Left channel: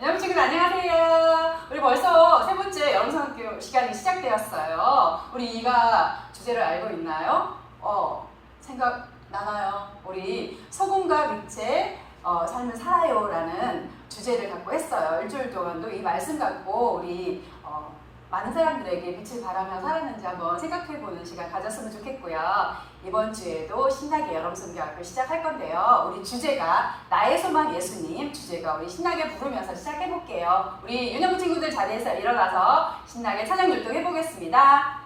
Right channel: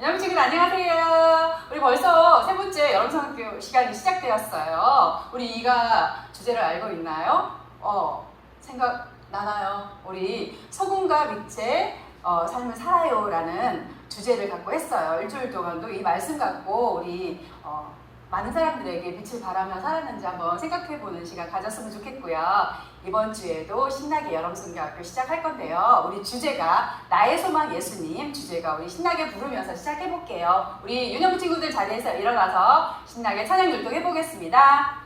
여러분 친구들 안녕하세요. 우리 벌써 세 번째 여름성교 시간이 시작되었어요. 우리 이가 주제를 알고 있나요? 생각나나요? 우리 소금과 빛의 삶을 살아요라는 주제를 갖고 했어요. 일주일 동안도 이 말씀 갖고 우리 많은 사람들에게 빛을 발하며 살았는지 한번 생각해보는 시간 가졌으면 좋겠고요. 이번 주에도 신나게 여름성교학교 시작할 건데요. 우리 주제가 나의 소망 예수님 주제가 우리 신나게 부르면서 시작해볼게요. 우리 유년부 친구들 자리에서 일어나서 신나게 찬양 율동 해보겠습니다.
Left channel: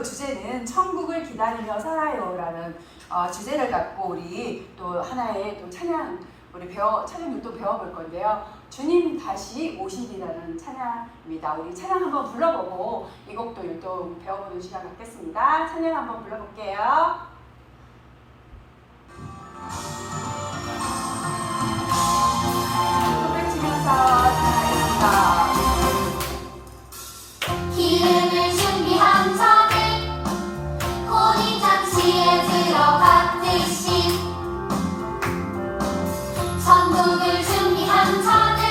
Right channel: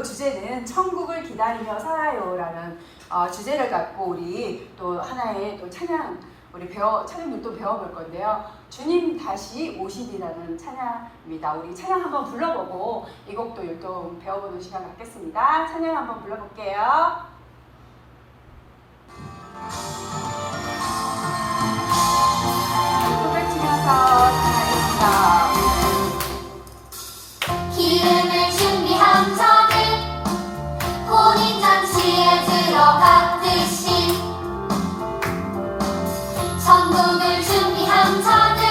주제는 천국을 기다리며 살아요라는 주제를 갖고 우리 또 하나의 또 찬양 찬양을 또 배워볼 건데요. 주님 다시 오시리라는 찬양입니다. 우리 찬양 한번 불러보고 이 곡도 또 배워보는 시간 갖겠습니다. 찬양 한번 불러볼게요. 곡을 치면서 찬양하겠습니다. 기름을 준비한 자들 혼인잔치에 들어갔듯이 천국을 준비한 자들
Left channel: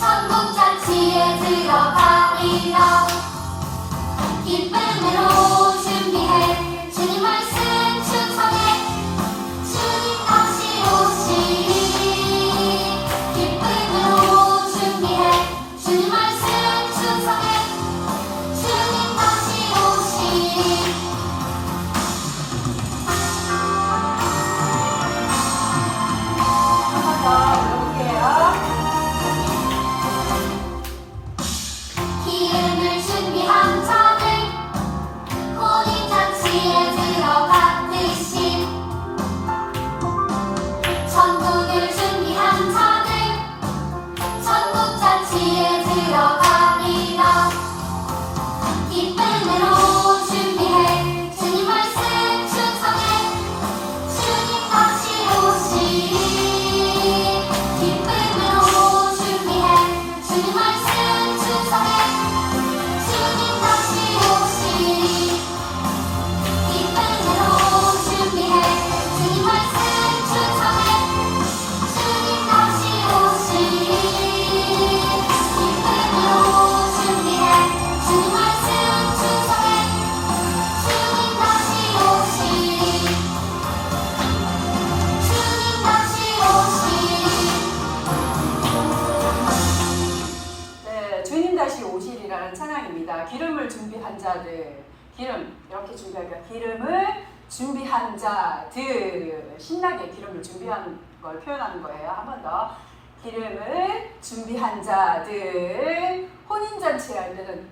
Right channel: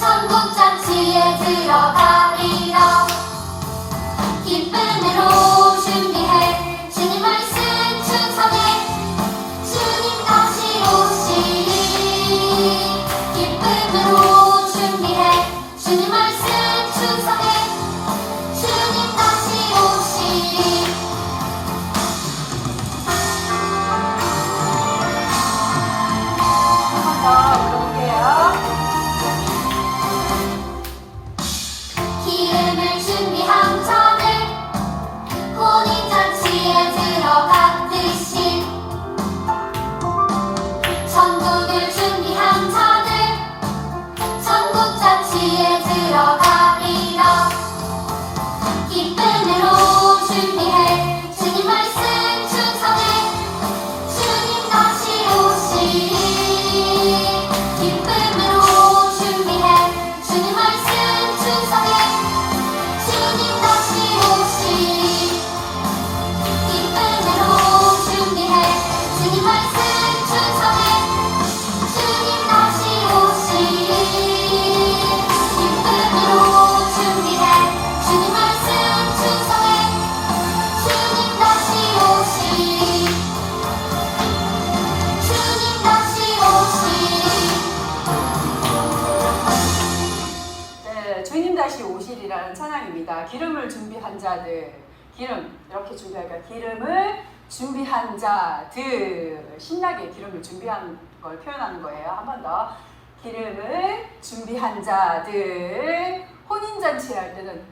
천국잔치에 들어가리라. 기쁨으로 준비해 주님 말씀 충성해 주님 다시 오시리. 기쁨으로 준비해 주님 말씀 충성해 주님 다시 오시리. 한번 더 올려볼게요. 기름을 준비한 자들 혼인잔치에 들어갔듯이 천국을 준비한 자들 들어가리라 기쁨으로 준비해 주님 말씀 충성해 주님 다시 오시리 기쁨으로 준비해 주님 말씀 충성해 주님 다시 오시리 기쁨으로 준비해 주님 말씀 충성해 주님 다시 오시리 기쁨으로 준비해 주님 말씀 충성해 주님 다시 오시리 주님 다시 오시리 네, 주님 다시 오시리라는 찬양입니다. 기름을 준비한 자들, 기름 이렇게 준비할까? 기름을 준비한 자들, 신나게 기름을 준비한 걸 표현하는 거예요. 한 번 더. 기름을 준비한 자들, 혼인잔치 할 때는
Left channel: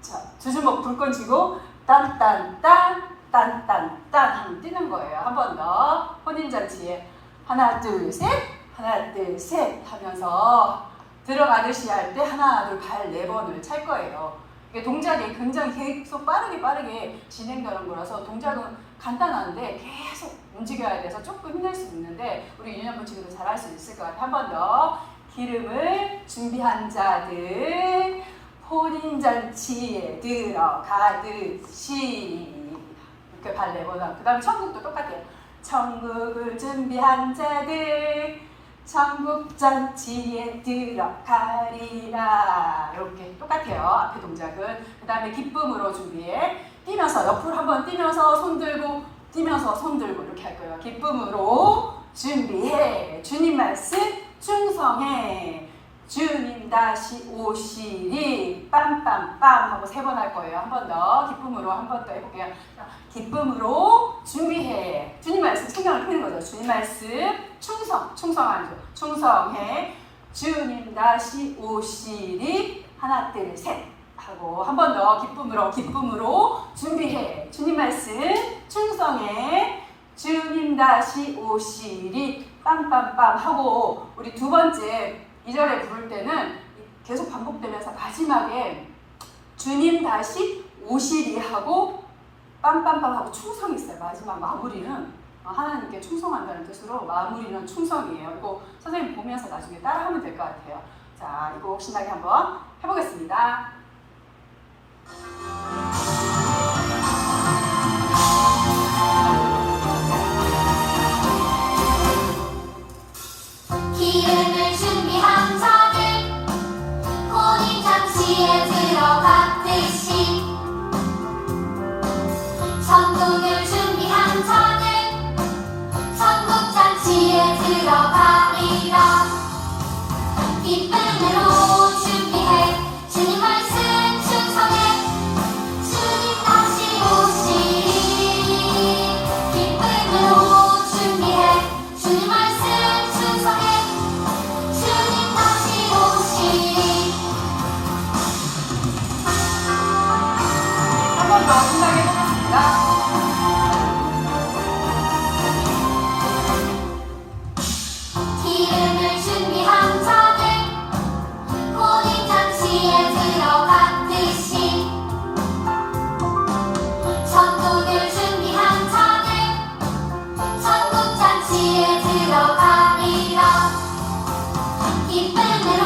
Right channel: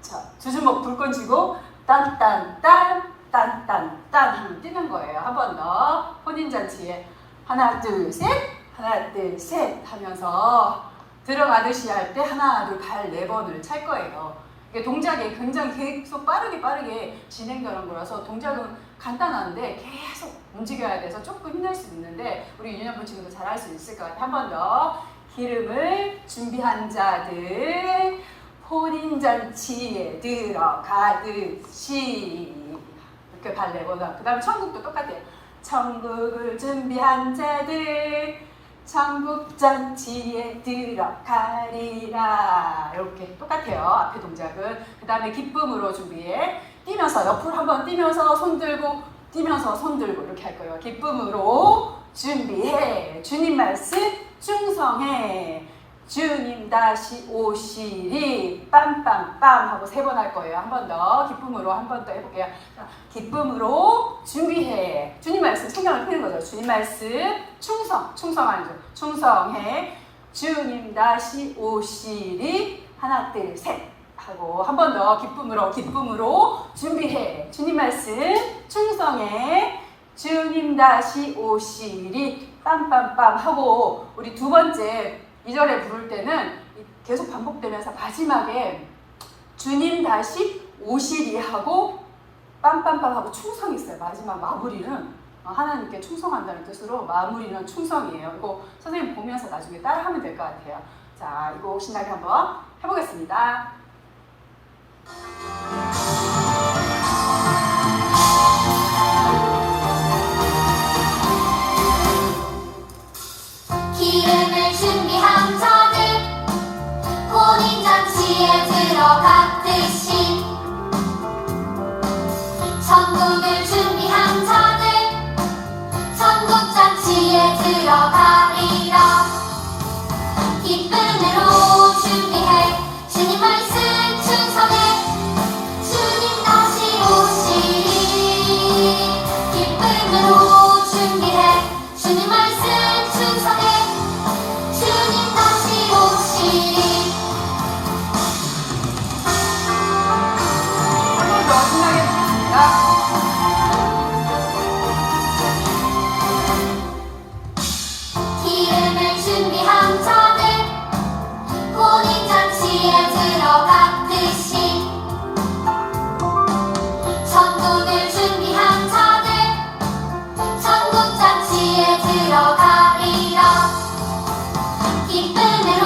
자, 두 주먹 불끈 쥐고 딴딴딴 딴딴딴 하면 뛰는 거예요. 한 번 더. 혼인잔치에 하나 둘 셋 하나 둘 셋 하면서 들어가듯이 할 때 하나 둘 발 네 번을 찰 거예요. 이게 동작이 굉장히 계속 빠르게 진행되는 거라서 동작은 간단한데 계속 움직여야 돼서 조금 힘들 수 있는데 우리 유년부 친구들 잘할 수 있을 것 같아요. 한 번 더. 기름을 준비한 자들 혼인잔치에 들어가듯이 이렇게 발 네 번 하고 그 다음에 천국도 똑같아요. 천국을 준비한 자들 천국잔치에 들어가리라 이렇게 똑같아요. 앞에 동작은. 그 다음에 기쁨으로 준비해 뛰면서 옆으로 한번 뛰면서 손 들고 뛰면서 손 들고 이렇게 할 거예요. 기쁨으로 준비해 주님 말씀 충성해 주님 다시 오시리 빰빰빰 하고 세 번 할 거예요. 한 번 더. 기쁨으로 한 번 더 해볼게요. 기쁨으로 준비해 주님 말씀 신경을 피는 거죠. 주님 말씀 충성하는 거. 충성해 주님 다시 오시리 하나 둘 셋 하고 한 번 더. 기쁨으로 준비해 주님 말씀 충성해 주님 다시 오시리 빰빰빰 하고 우리 두 번째 2절에 부를 때는 계속 반복되면서 마지막에 주님 다시 오시리 하고 빰빰빰 하고 충성이 있어요. 마지막 마무리는 하나님께 충성한다는 뜻으로 마무리는 충성이에요. 이거 선생님 보면서 나중에 따라하면 될 것 같아요. 자, 이거 신나게 한번 해보겠습니다. 기름을 준비한 자들 혼인잔치에 들어가듯이 천국을 준비한 자들 천국잔치에 들어가리라 기쁨으로 준비해 주님 말씀 충성해 주님 다시 오시리 기쁨으로 준비해 주님 말씀 충성해 주님 다시 오시리 한 번 더 신나게 해보겠습니다. 기름을 준비한 자들 혼인잔치에 들어가듯이 천국을 준비한 자들 천국잔치에 들어가리라 기쁨으로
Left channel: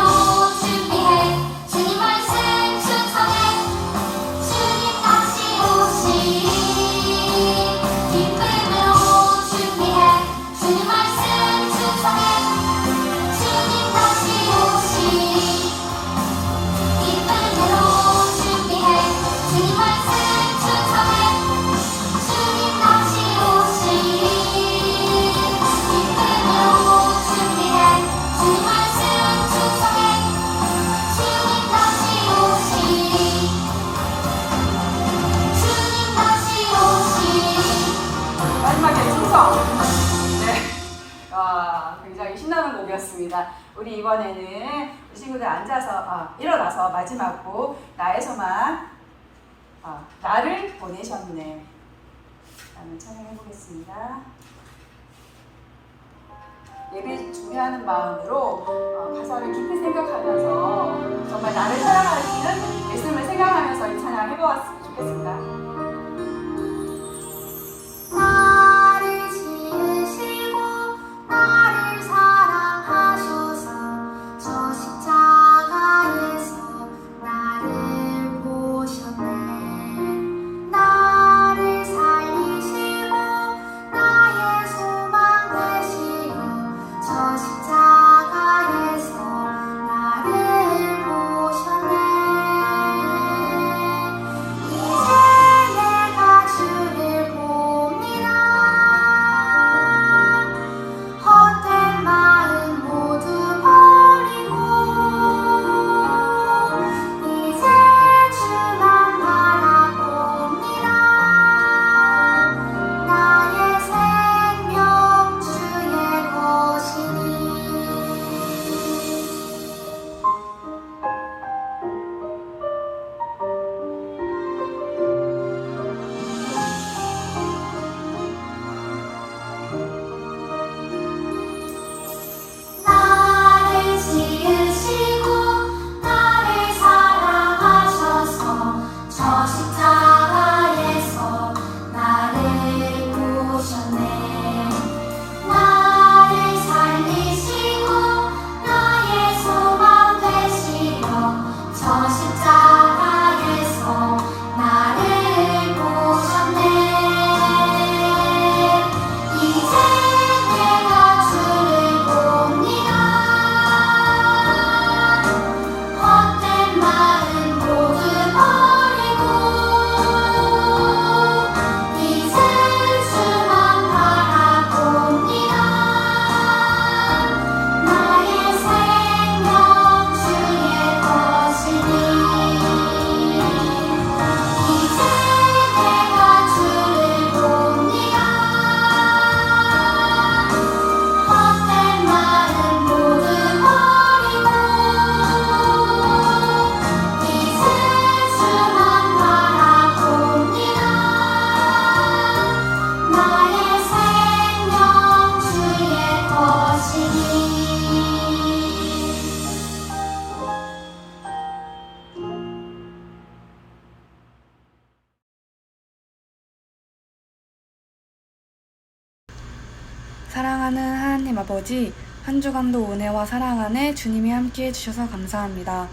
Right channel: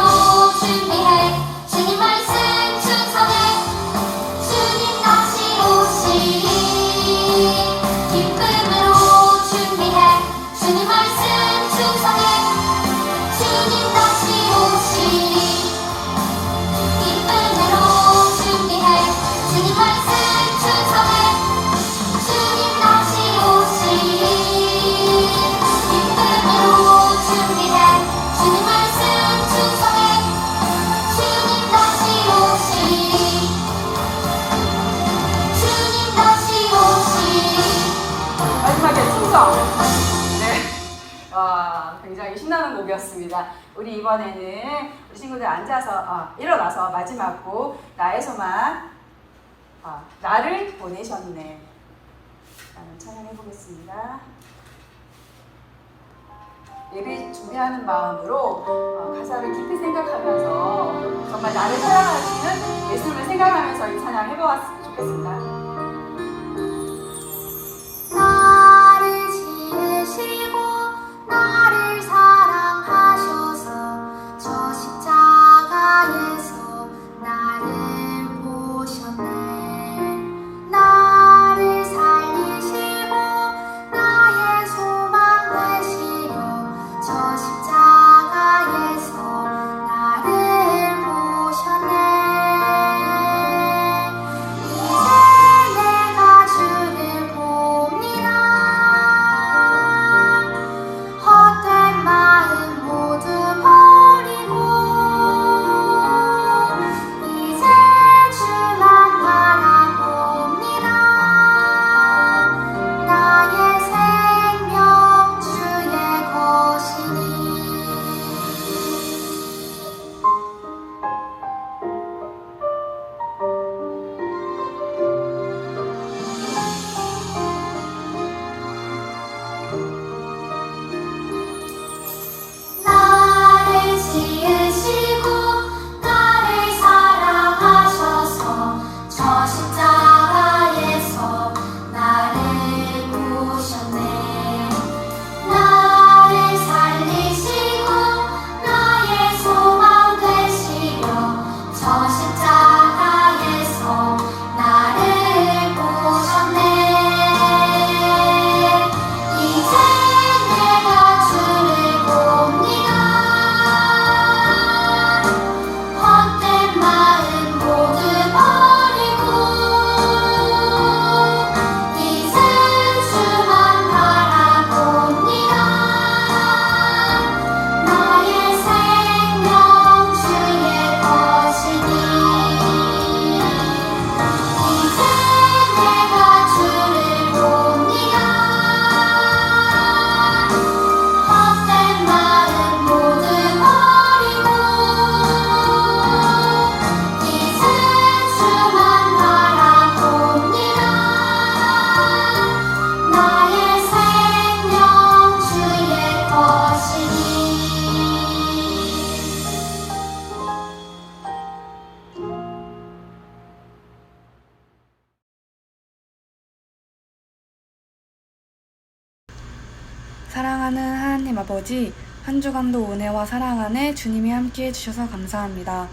준비해 주님 말씀 충성해 주님 다시 오시리 기쁨으로 준비해 주님 말씀 충성해 주님 다시 오시리 기쁨으로 준비해 주님 말씀 충성해 주님 다시 오시리 기쁨으로 준비해 주님 말씀 충성해 주님 다시 오시리 주님 다시 오시리 마지막에 충성. 네. 굉장히 신나는 곡이었습니다. 우리 이번에는 우리 친구들 앉아서 일어나서 마지막 곡 나의 소망 나를 보내셨네 라는 찬양해 보겠습니다. 예배 준비하는 마음으로 가사를 깊이 생각하면서 정말 나를 사랑하시는 예수님을 생각하면서 이 찬양 해보았으면 좋겠습니다. 나를 지으시고 나를 사랑하셔서 저 십자가에서 나를 보셨네. 나를 살리시고 나의 소망 되시려 저 십자가에서 나를 보셨네. 이제 내가 주를 봅니다. 헛된 마음 모두 버리고 이제 주만 바라봅니다. 나의 생명 주의 것이니. 나를 지으시고 나를 사랑하셔서 저 십자가에서 나를 보셨네. 나를 살리시고 나의 소망 되시려 저 십자가에서 나를 보셨네. 이제 내가 주를 봅니다. 헛된 마음 모두 버리고 이제 주만 바라봅니다. 나의 생명 주의 것이니. 이제 내가 주를 봅니다. 헛된 마음 모두 버리고 이제 주만 바라봅니다. 나의 생명 주의 것이니. 사랑하는 하나님 아버지, 한 주간도 은혜와 사랑 안에 주님이 함께해 주셔서 감사합니다.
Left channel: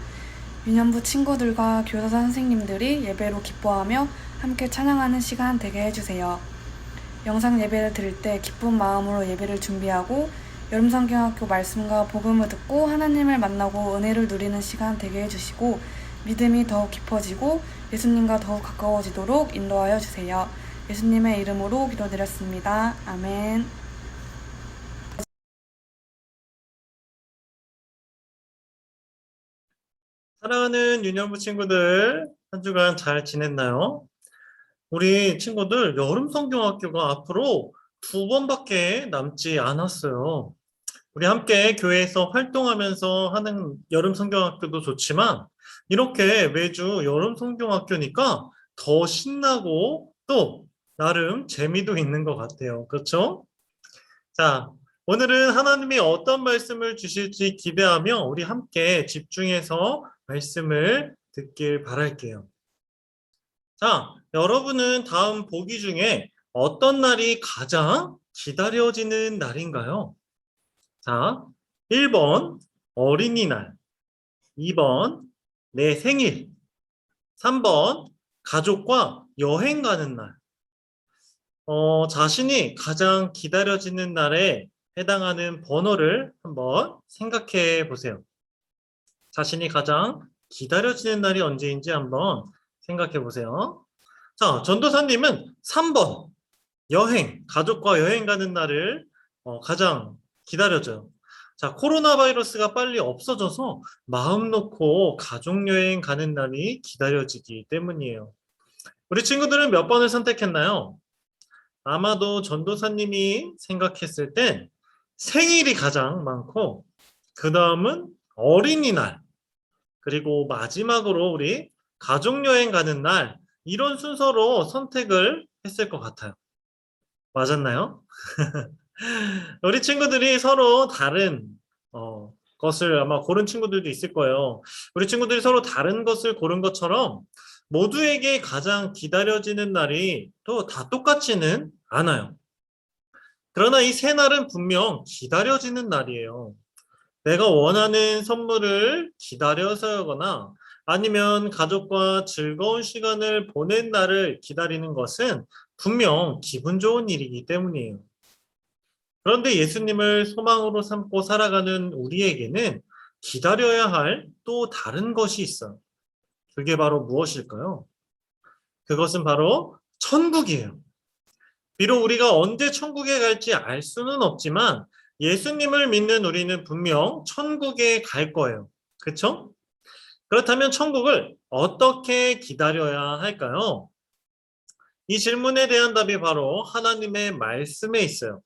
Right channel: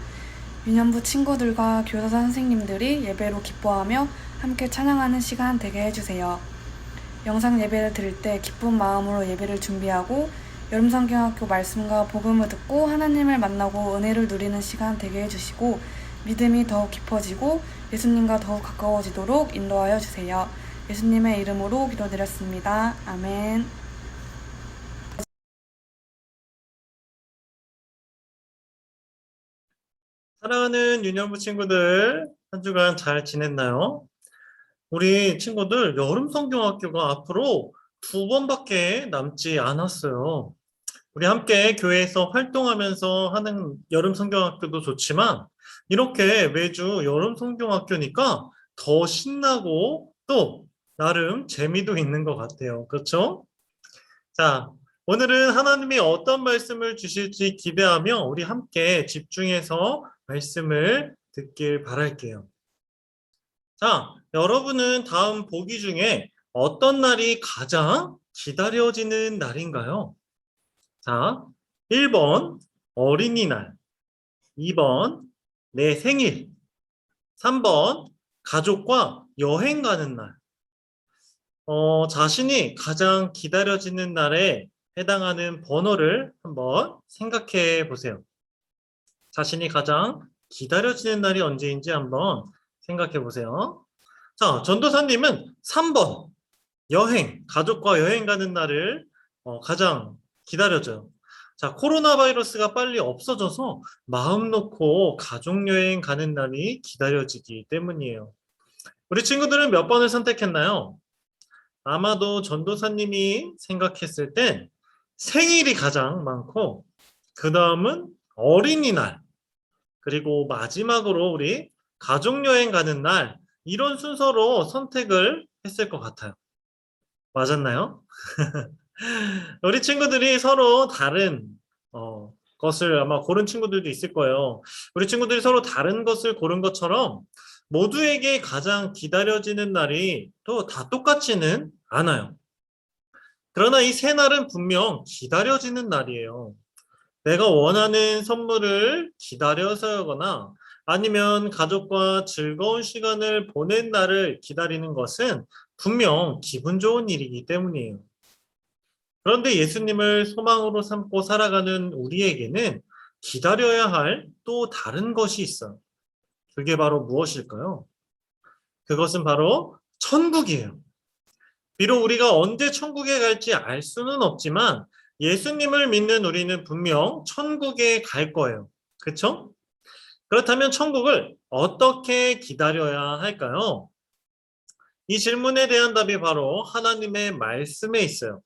유년부 친구들과 교사 선생님들이 예배로 기뻐하며 함께 찬양하는 시간 되게 해주세요. 영상 예배를 드릴 때 기쁜 마음으로 예배를 준비하고 여름성경학교 말씀과 복음을 듣고 하나님을 만나고 은혜를 누리는 시간 되게 해주시고 믿음이 더욱 깊어지고 예수님과 더욱 가까워지도록 인도하여 주세요. 예수님의 이름으로 기도드렸습니다. 아멘. 사랑하는 유년부 친구들, 한 주간 잘 지냈나요? 우리 친구들 여름 성경학교가 앞으로 2번밖에 남지 않았어요. 우리 함께 교회에서 활동하면서 하는 여름 성경학교도 좋지만 이렇게 매주 여름 성경학교니까 더 신나고 또 나름 재미도 있는 것 같아요. 그렇죠? 자, 오늘은 하나님이 어떤 말씀을 주실지 기대하며 우리 함께 집중해서 말씀을 듣길 바랄게요. 자, 여러분은 다음 보기 중에 어떤 날이 가장 기다려지는 날인가요? 자, 1번 어린이날, 2번 내 생일, 3번 가족과 여행 가는 날. 자신이 가장 기다려지는 날에 해당하는 번호를 한번 생각해 보세요. 자신이 가장 기다려지는 날이 언제인지 한번 생각해 보세요. 자, 전도사님은 3번 여행, 가족과 여행 가는 날을 가장 기다려져요. 자, 코로나 바이러스가 빨리 없어져서 마음 놓고 가족 여행 가는 날이 기다려지기 때문이에요. 우리 친구들은 몇 번을 선택했나요? 아마도 전도사님이 생각했을 땐 생일이 가장 많고 그 다음은 어린이날, 그리고 마지막으로 우리 가족여행 가는 날, 이런 순서로 선택을 했을 것 같아요. 맞았나요? 우리 친구들이 서로 다른 것을 아마 고른 친구들도 있을 거예요. 우리 친구들이 서로 다른 것을 고른 것처럼 모두에게 가장 기다려지는 날이 또 다 똑같지는 않아요. 그러나 이 세 날은 분명 기다려지는 날이에요. 내가 원하는 선물을 기다려서거나 아니면 가족과 즐거운 시간을 보낸 날을 기다리는 것은 분명 기분 좋은 일이기 때문이에요. 그런데 예수님을 소망으로 삼고 살아가는 우리에게는 기다려야 할 또 다른 것이 있어요. 그게 바로 무엇일까요? 그것은 바로 천국이에요. 비록 우리가 언제 천국에 갈지 알 수는 없지만 예수님을 믿는 우리는 분명 천국에 갈 거예요. 그렇죠? 그렇다면 천국을 어떻게 기다려야 할까요? 이 질문에 대한 답이 바로 하나님의 말씀에 있어요.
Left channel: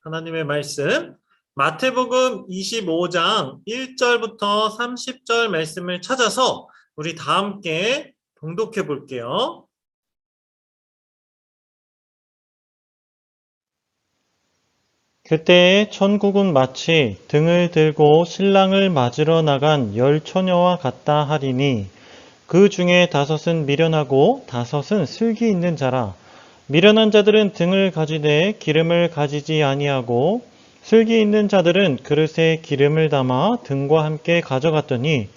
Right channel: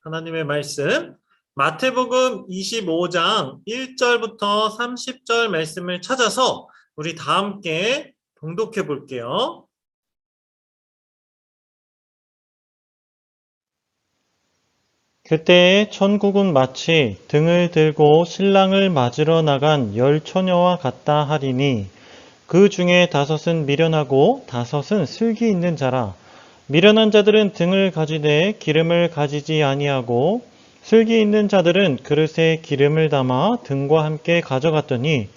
하나님의 말씀, 마태복음 25장 1절부터 30절 말씀을 찾아서 우리 다 함께 봉독해 볼게요. 그때에 천국은 마치 등을 들고 신랑을 맞으러 나간 10처녀와 같다 하리니 그 중에 5은 미련하고 5은 슬기 있는 자라. 미련한 자들은 등을 가지되 기름을 가지지 아니하고 슬기 있는 자들은 그릇에 기름을 담아 등과 함께 가져갔더니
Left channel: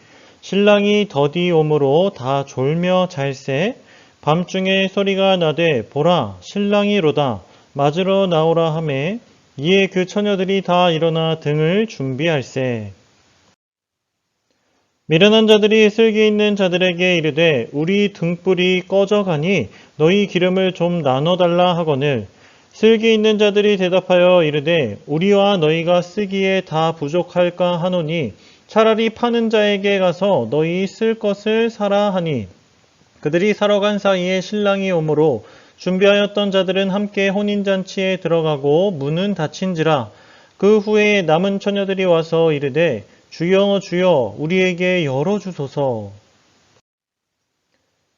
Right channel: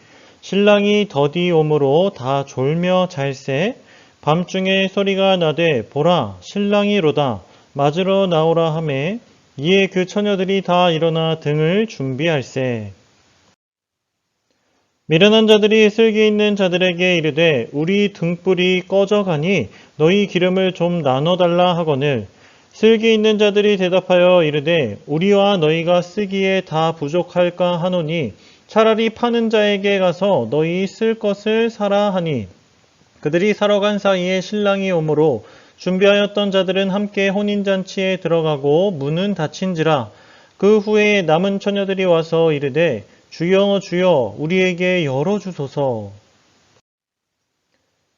신랑이 더디 오므로 다 졸며 잘새 밤중에 소리가 나되 보라 신랑이로다 맞으러 나오라 하매 이에 그 처녀들이 다 일어나 등을 준비할세. 미련한 자들이 슬기 있는 자들에게 이르되 우리 등불이 꺼져가니 너희 기름을 좀 나눠달라 하거늘 슬기 있는 자들이 대답하여 이르되 우리와 너희가 쓰기에 다 부족할까 하노니 차라리 파는 자에게 가서 너희 쓸 것을 사라 하니 그들이 사러 간 사이에 신랑이 오므로 준비하였던 자들은 함께 혼인잔치에 들어가고 문은 닫힌지라. 그 후에 남은 처녀들이 와서 이르되 주여 주여 우리에게 열어주소서.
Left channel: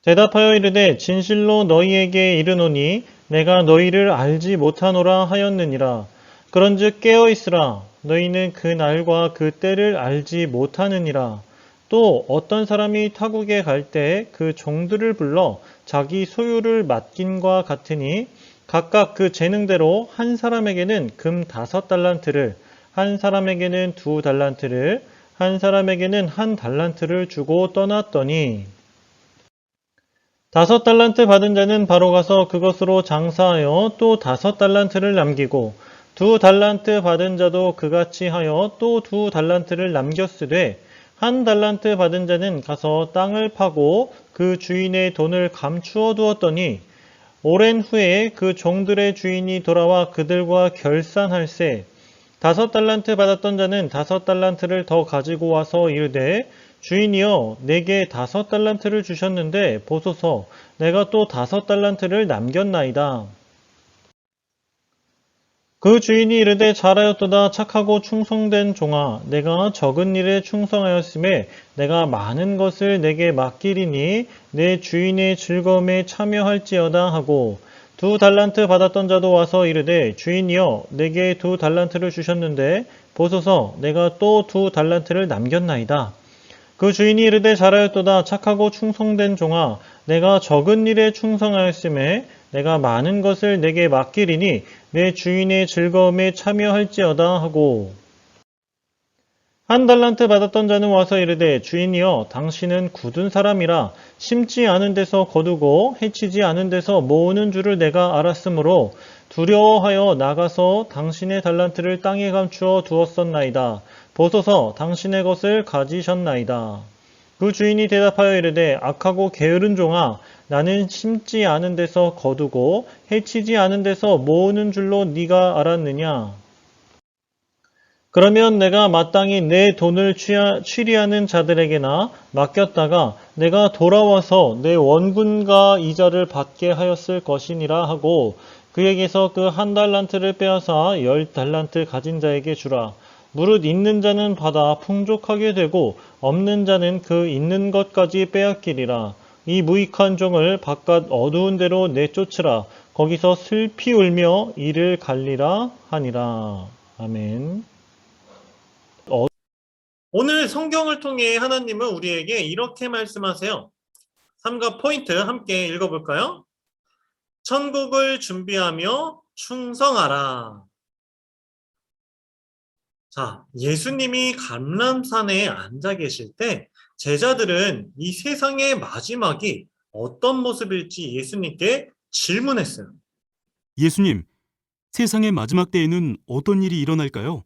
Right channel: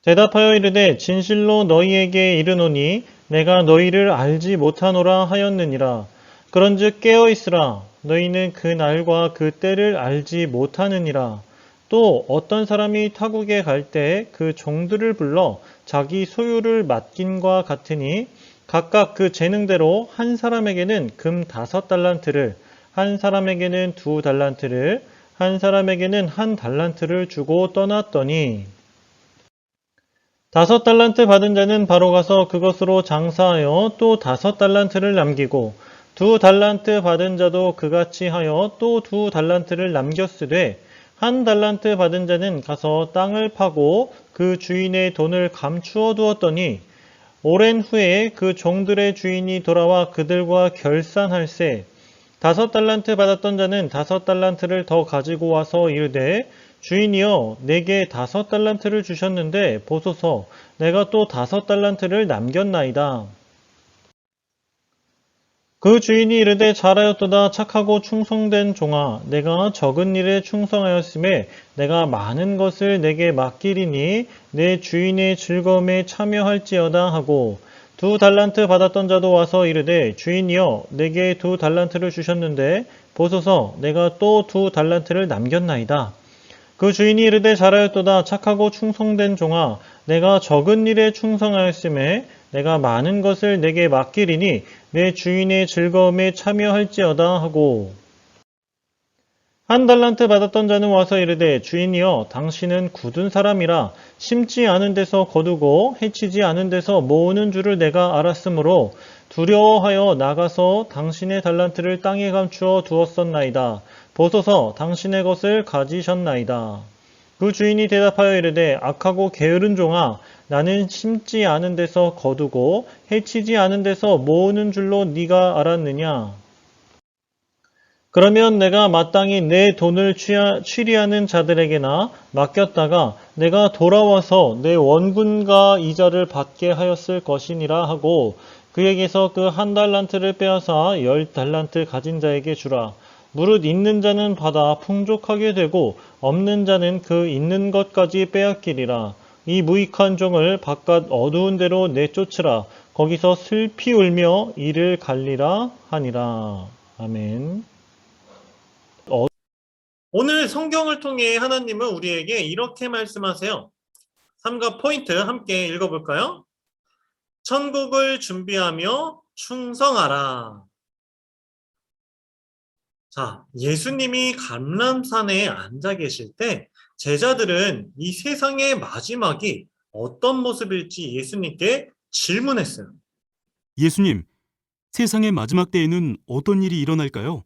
대답하여 이르되 진실로 너희에게 이르노니 내가 너희를 알지 못하노라 하였느니라. 그런즉 깨어있으라. 너희는 그 날과 그 때를 알지 못하느니라. 또 어떤 사람이 타국에 갈 때 그 종들을 불러 자기 소유를 맡긴과 같으니 각각 그 재능대로 한 사람에게는 금 5달란트를, 한 사람에게는 2달란트를, 한 사람에게는 1달란트를 주고 떠났더니 5달란트 받은 자는 바로 가서 그것으로 장사하여 또 5달란트를 남기고 2달란트 받은 자도 그같이 하여 또 2달란트를 남겼으되 1달란트 받은 자는 가서 땅을 파고 그 주인의 돈을 감추어 두었더니 오랜 후에 그 종들의 주인이 돌아와 그들과 결산할세 5달란트 받았던 자는 5달란트를 더 가지고 와서 이르되 주인이여 내게 5달란트를 주셨는데 보소서 내가 또 5달란트를 남겼나이다. 그 주인이 이르되 잘하였도다 착하고 충성된 종아 내가 적은 일에 충성하였음에 내가 많은 것을 내게 맡기리니 내 주인의 즐거움에 참여할지어다 하고 2달란트 받았던 자도 와서 이르되 주인이여 내게 2달란트를 주셨는데 보소서 내가 또 2달란트를 남겼나이다. 그 주인이 이르되 잘하였도다 착하고 충성된 종아 내가 적은 일에 충성하였음에 내가 많은 것을 내게 맡기리니 내 주인의 즐거움에 참여할지어다 하고 1달란트 받았던 자는 와서 이르되 주인이여 당신은 굳은 사람이라 심지 않은 데서 거두고 해치지 않은 데서 모으는 줄을 내가 알았으므로 두려워하여 나가서 당신의 달란트를 땅에 감추어 두었었나이다. 보소서 당신의 것을 가지셨나이다. 그 주인이 대답하여 이르되 악하고 게으른 종아 나는 심지 않은 데서 거두고 해치지 않은 데서 모으는 줄로 네가 알았느냐. 그러면 내가 마땅히 내 돈을 취리하는 자들에게나 맡겼다가 내가 돌아와서 내 원금과 이자를 받게 하였을 것이니라 하고 그에게서 그 1달란트를 빼앗아 10달란트 가진 자에게 주라. 무릇 있는 자는 받아 풍족하게 되고 없는 자는 그 있는 것까지 빼앗기리라. 이 무익한 종을 바깥 어두운 데로 내쫓으라. 거기서 슬피 울며 이를 갈리라 하니라. 아멘. 오늘 성경을 통해 하나님은 우리에게 이렇게 말씀하세요. 삼가 포인트 함께 읽어볼까요? 천국을 준비하며 충성하라. 자, 예수님이 감람산에 앉아 계실 때 제자들은 이 세상의 마지막이 어떤 모습일지 예수님께 질문했어요. 예수님, 세상의 마지막 때에는 어떤 일이 일어날까요?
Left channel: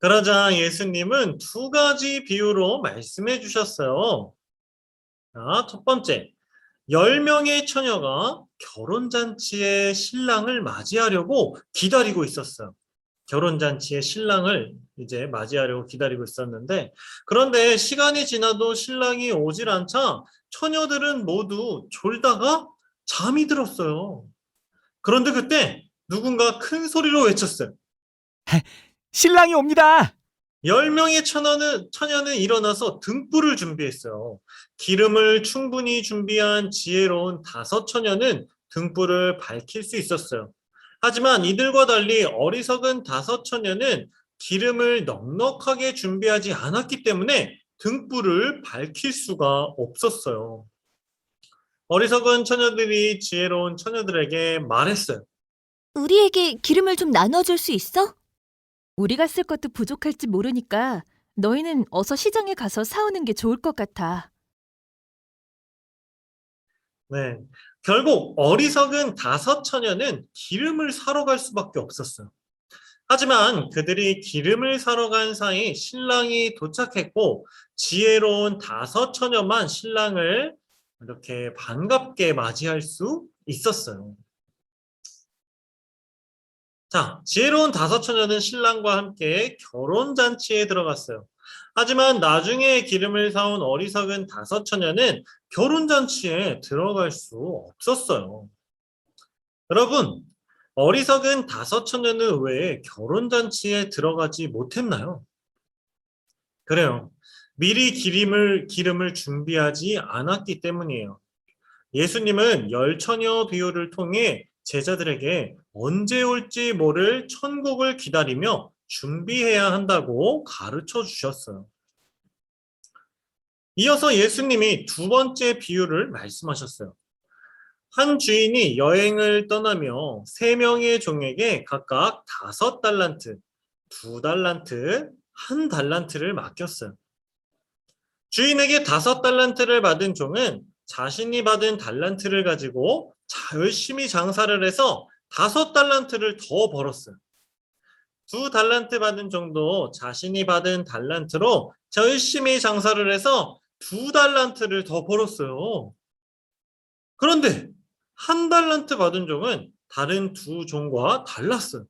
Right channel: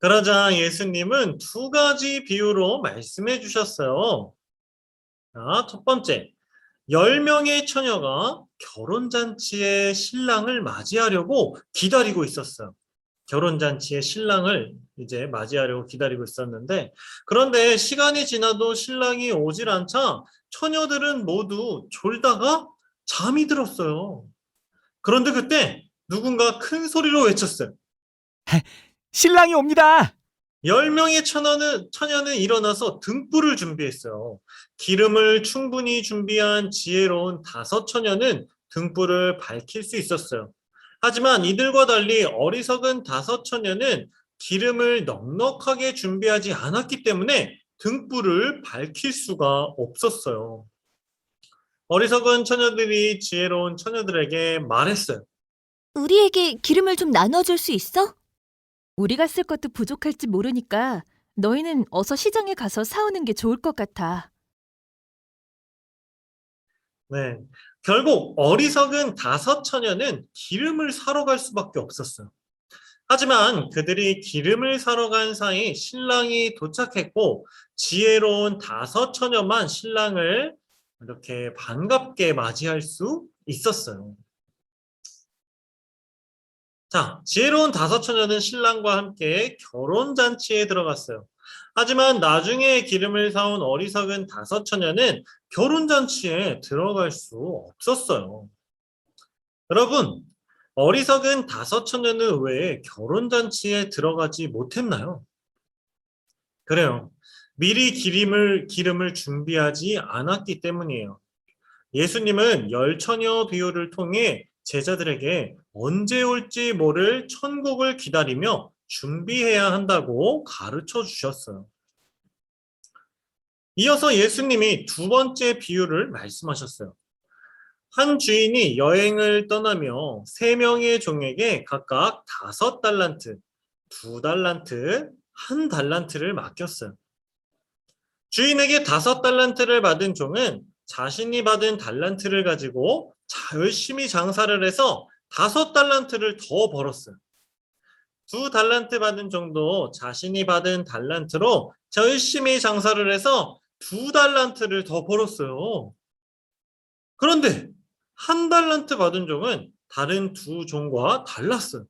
그러자 예수님은 두 가지 비유로 말씀해 주셨어요. 자, 첫 번째, 10명의 처녀가 결혼잔치의 신랑을 맞이하려고 기다리고 있었어요. 결혼잔치의 신랑을 이제 맞이하려고 기다리고 있었는데, 그런데 시간이 지나도 신랑이 오질 않자 처녀들은 모두 졸다가 잠이 들었어요. 그런데 그때 누군가 큰 소리로 외쳤어요. 신랑이 옵니다! 10명의 처녀는 일어나서 등불을 준비했어요. 기름을 충분히 준비한 지혜로운 5처녀는 등불을 밝힐 수 있었어요. 하지만 이들과 달리 어리석은 5처녀는 기름을 넉넉하게 준비하지 않았기 때문에 등불을 밝힐 수가 없었어요. 어리석은 처녀들이 지혜로운 처녀들에게 말했어요. 우리에게 기름을 좀 나눠줄 수 있어? 우리가 쓸 것도 부족할지 모르니까 너희는 어서 시장에 가서 사오는 게 좋을 것 같아. 네. 결국 어리석은 5처녀는 기름을 사러 갈 수밖에 없었어요. 하지만 그들이 기름을 사러 간 사이 신랑이 도착했고 지혜로운 5처녀만 신랑을 이렇게 반갑게 맞이할 수 있었어요. 자, 지혜로운 5처녀는 신랑과 함께 결혼잔치에 들어갔어요. 하지만 나중에 기름을 사온 어리석은 5처녀는 결혼잔치에 들어갈 수 없었어요. 여러분, 어리석은 5처녀는 왜 결혼잔치에 들어가지 못했나요? 그래요. 미리 기름을 준비하지 않았기 때문이에요. 예수님은 10처녀 비유를 통해 제자들에게 언제 올지 모를 천국을 기다리며 준비해야 한다고 가르쳐 주셨어요. 이어서 예수님이 두 번째 비유를 말씀하셨어요. 한 주인이 여행을 떠나며 3명의 종에게 각각 5달란트, 2달란트, 1달란트를 맡겼어요. 주인에게 5달란트를 받은 종은 자신이 받은 달란트를 가지고 열심히 장사를 해서 5달란트를 더 벌었어요. 2달란트 받은 종도 자신이 받은 달란트로 열심히 장사를 해서 2달란트를 더 벌었어요. 그런데 1달란트 받은 종은 다른 2 종과 달랐어요.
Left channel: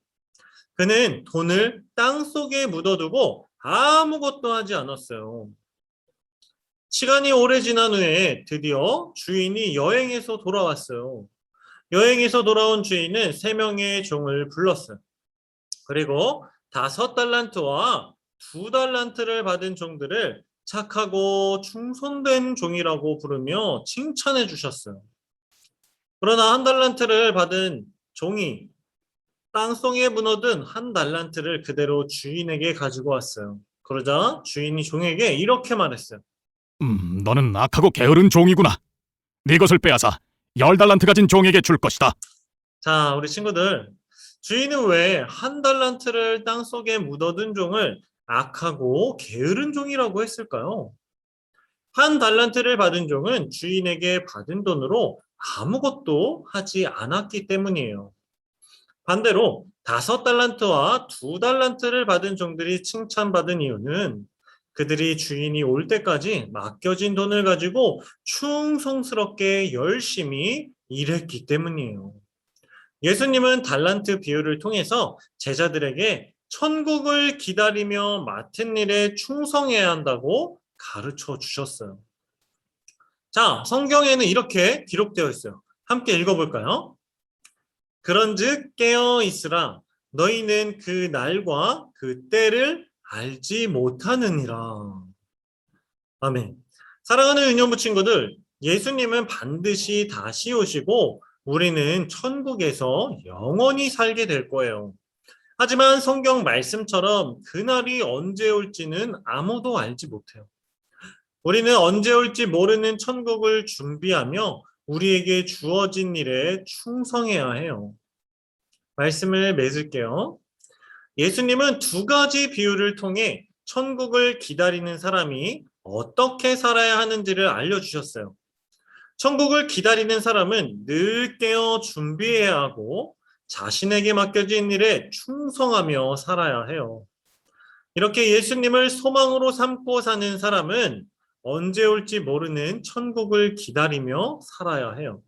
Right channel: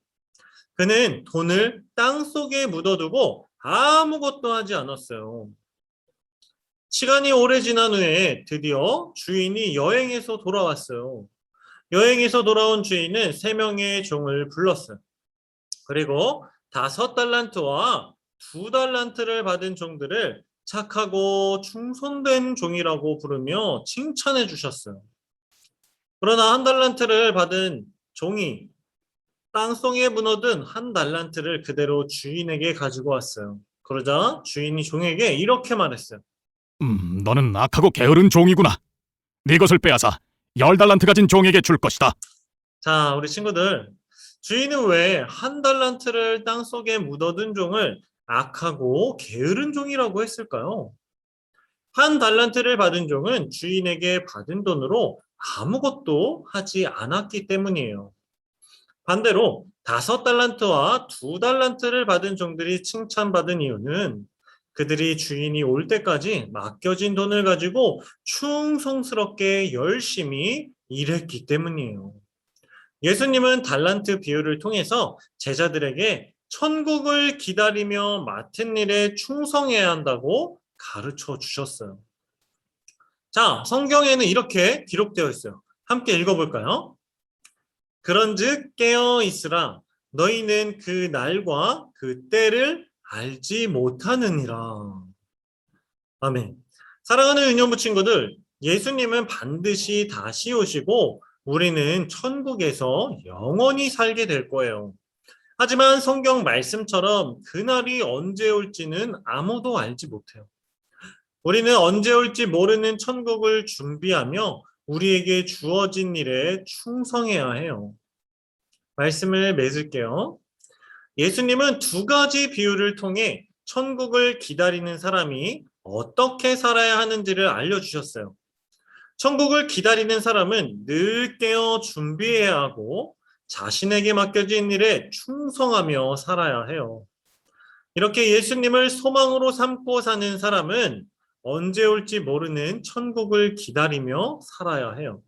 그는 돈을 땅속에 묻어두고 아무것도 하지 않았어요. 시간이 오래 지난 후에 드디어 주인이 여행에서 돌아왔어요. 여행에서 돌아온 주인은 3명의 종을 불렀어요. 그리고 5달란트와 2달란트를 받은 종들을 착하고 충성된 종이라고 부르며 칭찬해 주셨어요. 그러나 1달란트를 받은 종이 땅속에 묻어둔 1달란트를 그대로 주인에게 가지고 왔어요. 그러자 주인이 종에게 이렇게 말했어요. 너는 악하고 게으른 종이구나. 네 것을 빼앗아 10달란트 가진 종에게 줄 것이다. 자, 우리 친구들, 주인은 왜 1달란트를 땅속에 묻어둔 종을 악하고 게으른 종이라고 했을까요? 1달란트를 받은 종은 주인에게 받은 돈으로 아무것도 하지 않았기 때문이에요. 반대로 5달란트와 2달란트를 받은 종들이 칭찬받은 이유는 그들이 주인이 올 때까지 맡겨진 돈을 가지고 충성스럽게 열심히 일했기 때문이에요. 예수님은 달란트 비유를 통해서 제자들에게 천국을 기다리며 맡은 일에 충성해야 한다고 가르쳐 주셨어요. 자, 성경에는 이렇게 기록되어 있어요. 함께 읽어볼까요? 그런즉 깨어 있으라. 너희는 그 날과 그 때를 알지 못하느니라. 아멘. 사랑하는 유년부 친구들, 예수님은 반드시 다시 오시고 우리는 천국에서 영원히 살게 될 거예요. 하지만 성경 말씀처럼 그날이 언제 올지는 아무도 알지 못해요. 우리는 언제 올지 모르는 천국을 준비하며 우리에게 주어진 일에 충성해야 해요. 말씀을 맺을게요. 예수님은 두 가지 비유를 통해 천국을 기다리는 사람이 어떻게 살아야 하는지를 알려주셨어요. 천국을 기다리는 사람은 늘 깨어 준비해야 하고 자신에게 맡겨진 일에 충성하며 살아야 해요. 이렇게 예수님을 소망으로 삼고 사는 사람은 언제 올지 모르는 천국을 기다리며 살아야 해요.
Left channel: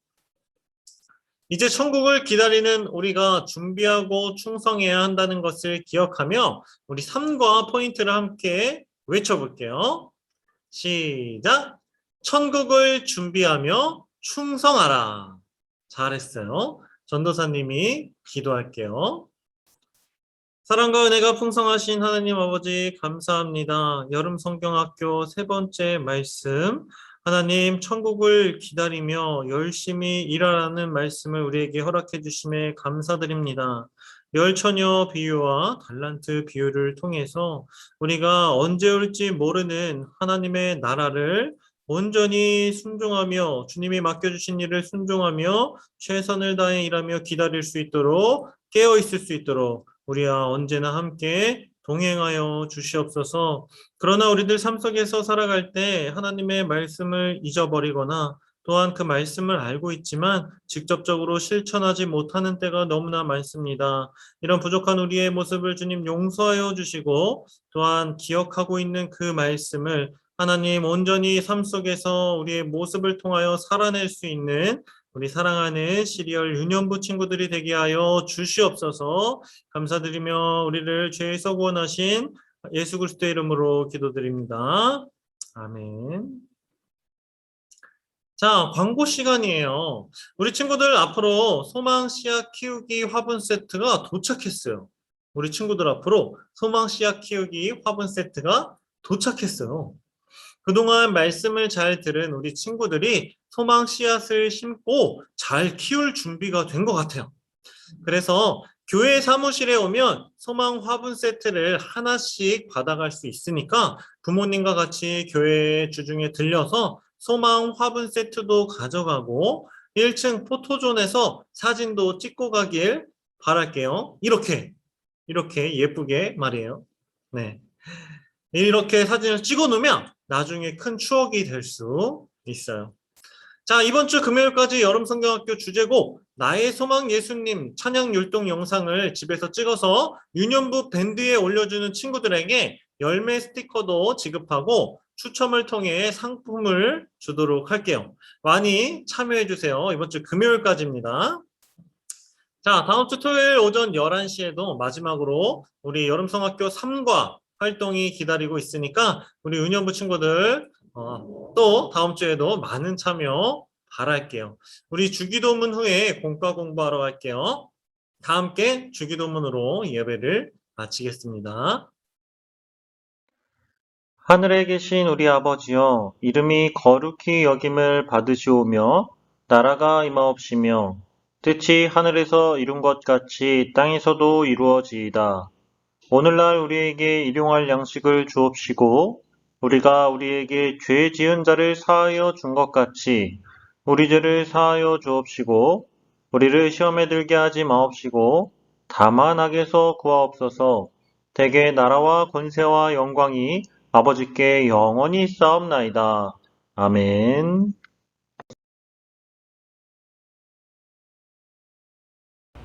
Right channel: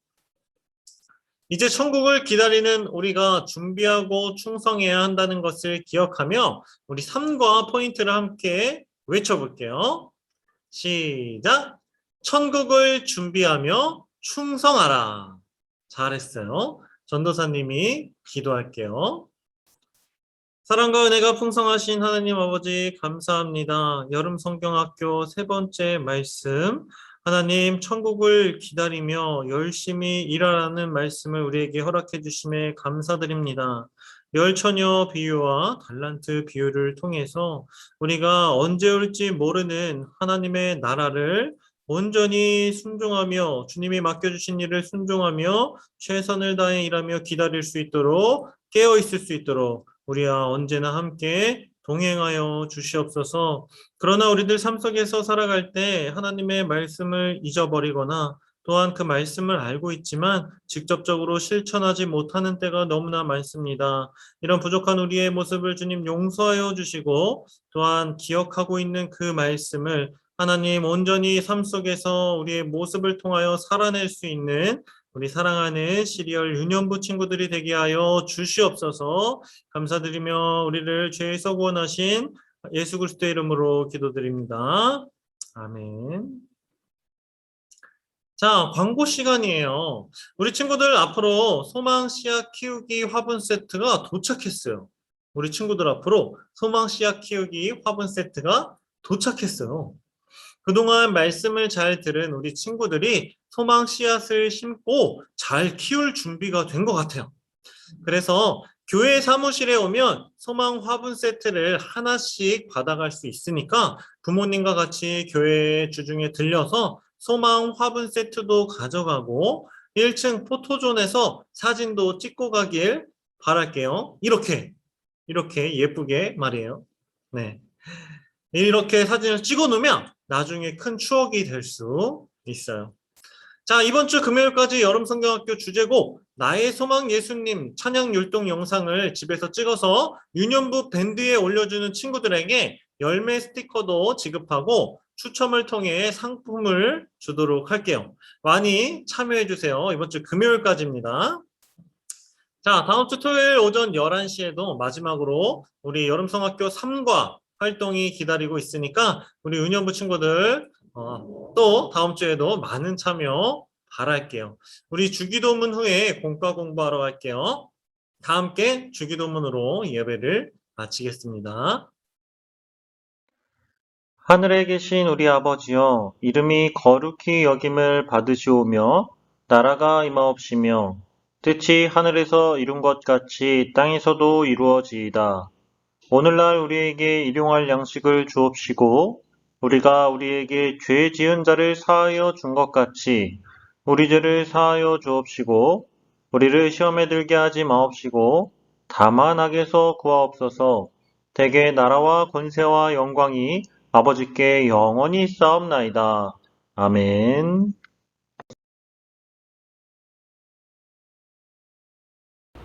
이제 천국을 기다리는 우리가 준비하고 충성해야 한다는 것을 기억하며 우리 3과 포인트를 함께 외쳐볼게요. 시작! 천국을 준비하며 충성하라. 잘했어요. 전도사님이 기도할게요. 사랑과 은혜가 풍성하신 하나님 아버지 감사합니다. 여름 성경학교 3번째 말씀, 하나님 천국을 기다리며 열심히 일하라는 말씀을 우리에게 허락해 주심에 감사드립니다. 열처녀 비유와 달란트 비유를 통해서 우리가 언제 올지 모르는 하나님의 나라를 온전히 순종하며 주님이 맡겨주신 일을 순종하며 최선을 다해 일하며 기다릴 수 있도록 깨어 있을 수 있도록 우리와 언제나 함께 동행하여 주시옵소서. 그러나 우리들 삶 속에서 살아갈 때 하나님의 말씀을 잊어버리거나 또한 그 말씀을 알고 있지만 직접적으로 실천하지 못하는 때가 너무나 많습니다. 이런 부족한 우리의 모습을 주님 용서하여 주시고 또한 기억하고 있는 그 말씀을 하나님 온전히 삶 속에서 우리의 모습을 통하여 살아낼 수 있는 우리 사랑하는 시리얼 유년부 친구들이 되게 하여 주시옵소서. 감사드리며 우리를 죄에서 구원하신 예수 그리스도의 이름으로 기도드립니다. 아멘. 자, 광고 시간이에요. 우리 친구들 앞으로 소망 씨앗 키우기 화분 세트가 도착했어요. 우리 친구들 앞으로 소망 씨앗 키우기 화분 세트가 도착했어요. 그동안 말씀을 잘 들은 우리 친구들이 소망 씨앗을 심고 잘 키울 준비가 된 것 같아요. 그래서 교회 사무실에 오면 소망 화분 세트를 하나씩 받아갈 수 있으니까 부모님과 같이 교회 주중에 들려서 소망 화분 세트도 가져가고 1층 포토존에서 사진도 찍고 가길 바랄게요. 이렇게 예쁘게 말이에요. 네. 이렇게 사진을 찍어 놓으면 나중에 큰 추억이 될 수 있어요. 자, 이번 주 금요일까지 여름성경학교 주제곡 나의 소망 예수님 찬양 율동 영상을 집에서 찍어서 유년부 밴드에 올려주는 친구들에게 열매 스티커도 지급하고 추첨을 통해 상품을 주도록 할게요. 많이 참여해 주세요. 이번 주 금요일까지입니다. 자, 다음 주 토요일 오전 11시에도 마지막으로 우리 여름성학교 3과 활동이 기다리고 있으니까 우리 유년부 친구들 또 다음 주에도 많은 참여 바랄게요. 우리 주기도문 후에 공과 공부하러 갈게요. 다 함께 주기도문으로 예배를 마치겠습니다. 하늘에 계신 우리 아버지여, 이름이 거룩히 여김을 받으시오며 나라가 임하옵시며 뜻이 하늘에서 이룬 것 같이 땅에서도 이루어지이다. 오늘날 우리에게 일용할 양식을 주옵시고 우리가 우리에게 죄 지은 자를 사하여 준 것 같이 우리 죄를 사하여 주옵시고 우리를 시험에 들게 하지 마옵시고 다만 악에서 구하옵소서. 대개 나라와 권세와 영광이 아버지께 영원히 있사옵나이다. 아멘.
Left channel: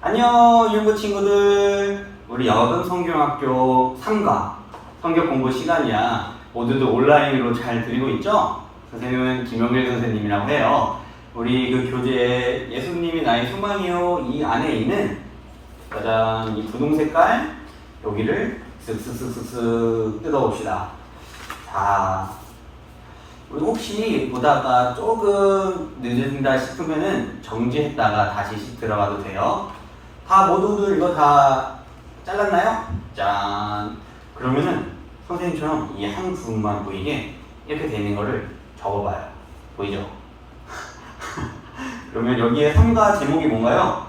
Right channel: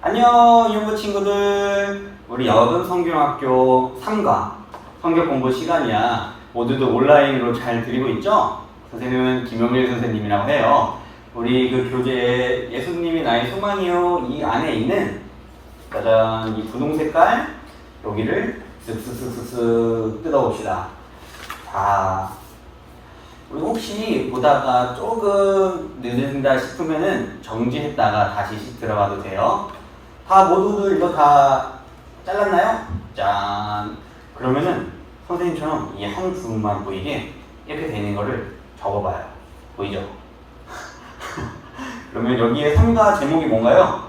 안녕 유년부 친구들, 우리 여름 성경학교 3과 성경 공부 시간이야. 모두들 온라인으로 잘 들리고 있죠? 선생님은 김영일 선생님이라고 해요. 우리 그 교재 예수님이 나의 소망이요 이 안에 있는 짜잔 이 분홍 색깔 여기를 쓱쓱쓱쓱 뜯어봅시다. 자, 혹시 보다가 조금 늦는다 싶으면은 정지했다가 다시 들어가도 돼요. 다 모두들 이거 다 잘랐나요? 짠. 그러면은 선생님처럼 이 한 부분만 보이게 이렇게 되는 거를 접어봐요. 보이죠? 그러면 여기에 3가 제목이 뭔가요?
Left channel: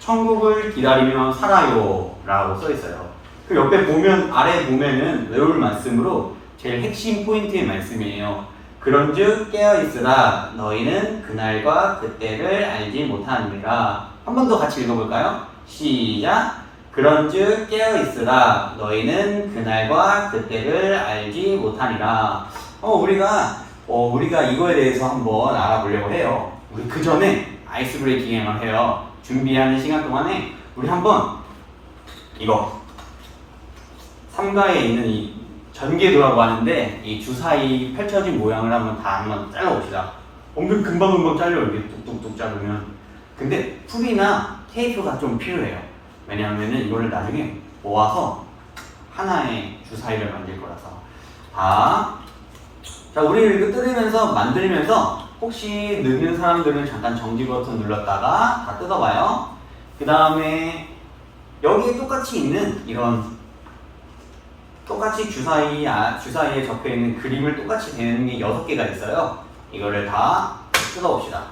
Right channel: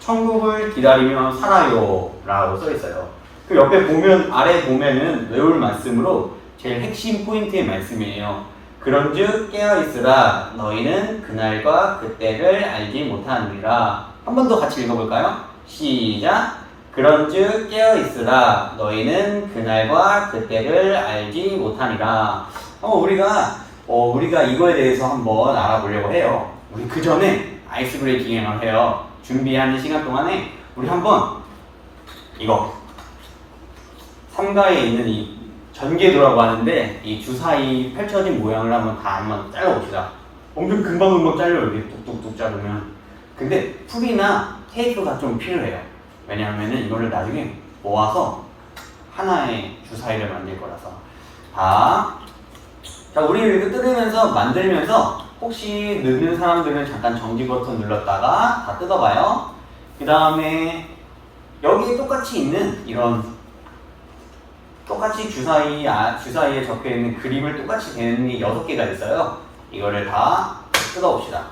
천국을 기다리며 살아요 라고 써 있어요. 그 옆에 보면, 아래 보면은 외울 말씀으로 제일 핵심 포인트의 말씀이에요. 그런즉 깨어있으라 너희는 그날과 그때를 알지 못하느니라. 한 번 더 같이 읽어볼까요? 시작. 그런즉 깨어있으라 너희는 그날과 그때를 알지 못하니라. 우리가 이거에 대해서 한번 알아보려고 해요. 우리 그 전에 아이스 브레이킹을 해요. 준비하는 시간 동안에 우리 한번 이거 삼가에 있는 이 전개도라고 하는데 이 주사위 펼쳐진 모양을 한번 잘라봅시다. 엄청 금방금방 잘려요. 이렇게 뚝뚝뚝 자르면. 근데 풀이나 테이프가 좀 필요해요. 왜냐하면 이거를 나중에 모아서 하나의 주사위를 만들 거라서. 자, 우리 이렇게 뜯으면서 만들면서 혹시 늦는 사람들은 잠깐 정지 버튼 눌렀다가 다 뜯어봐요. 그 다음에 여기에 똑같이 있는 이런 똑같이 주사위에 적혀있는 그림을 똑같이 되는 게 6개가 있어요. 이거를 다 뜯어봅시다.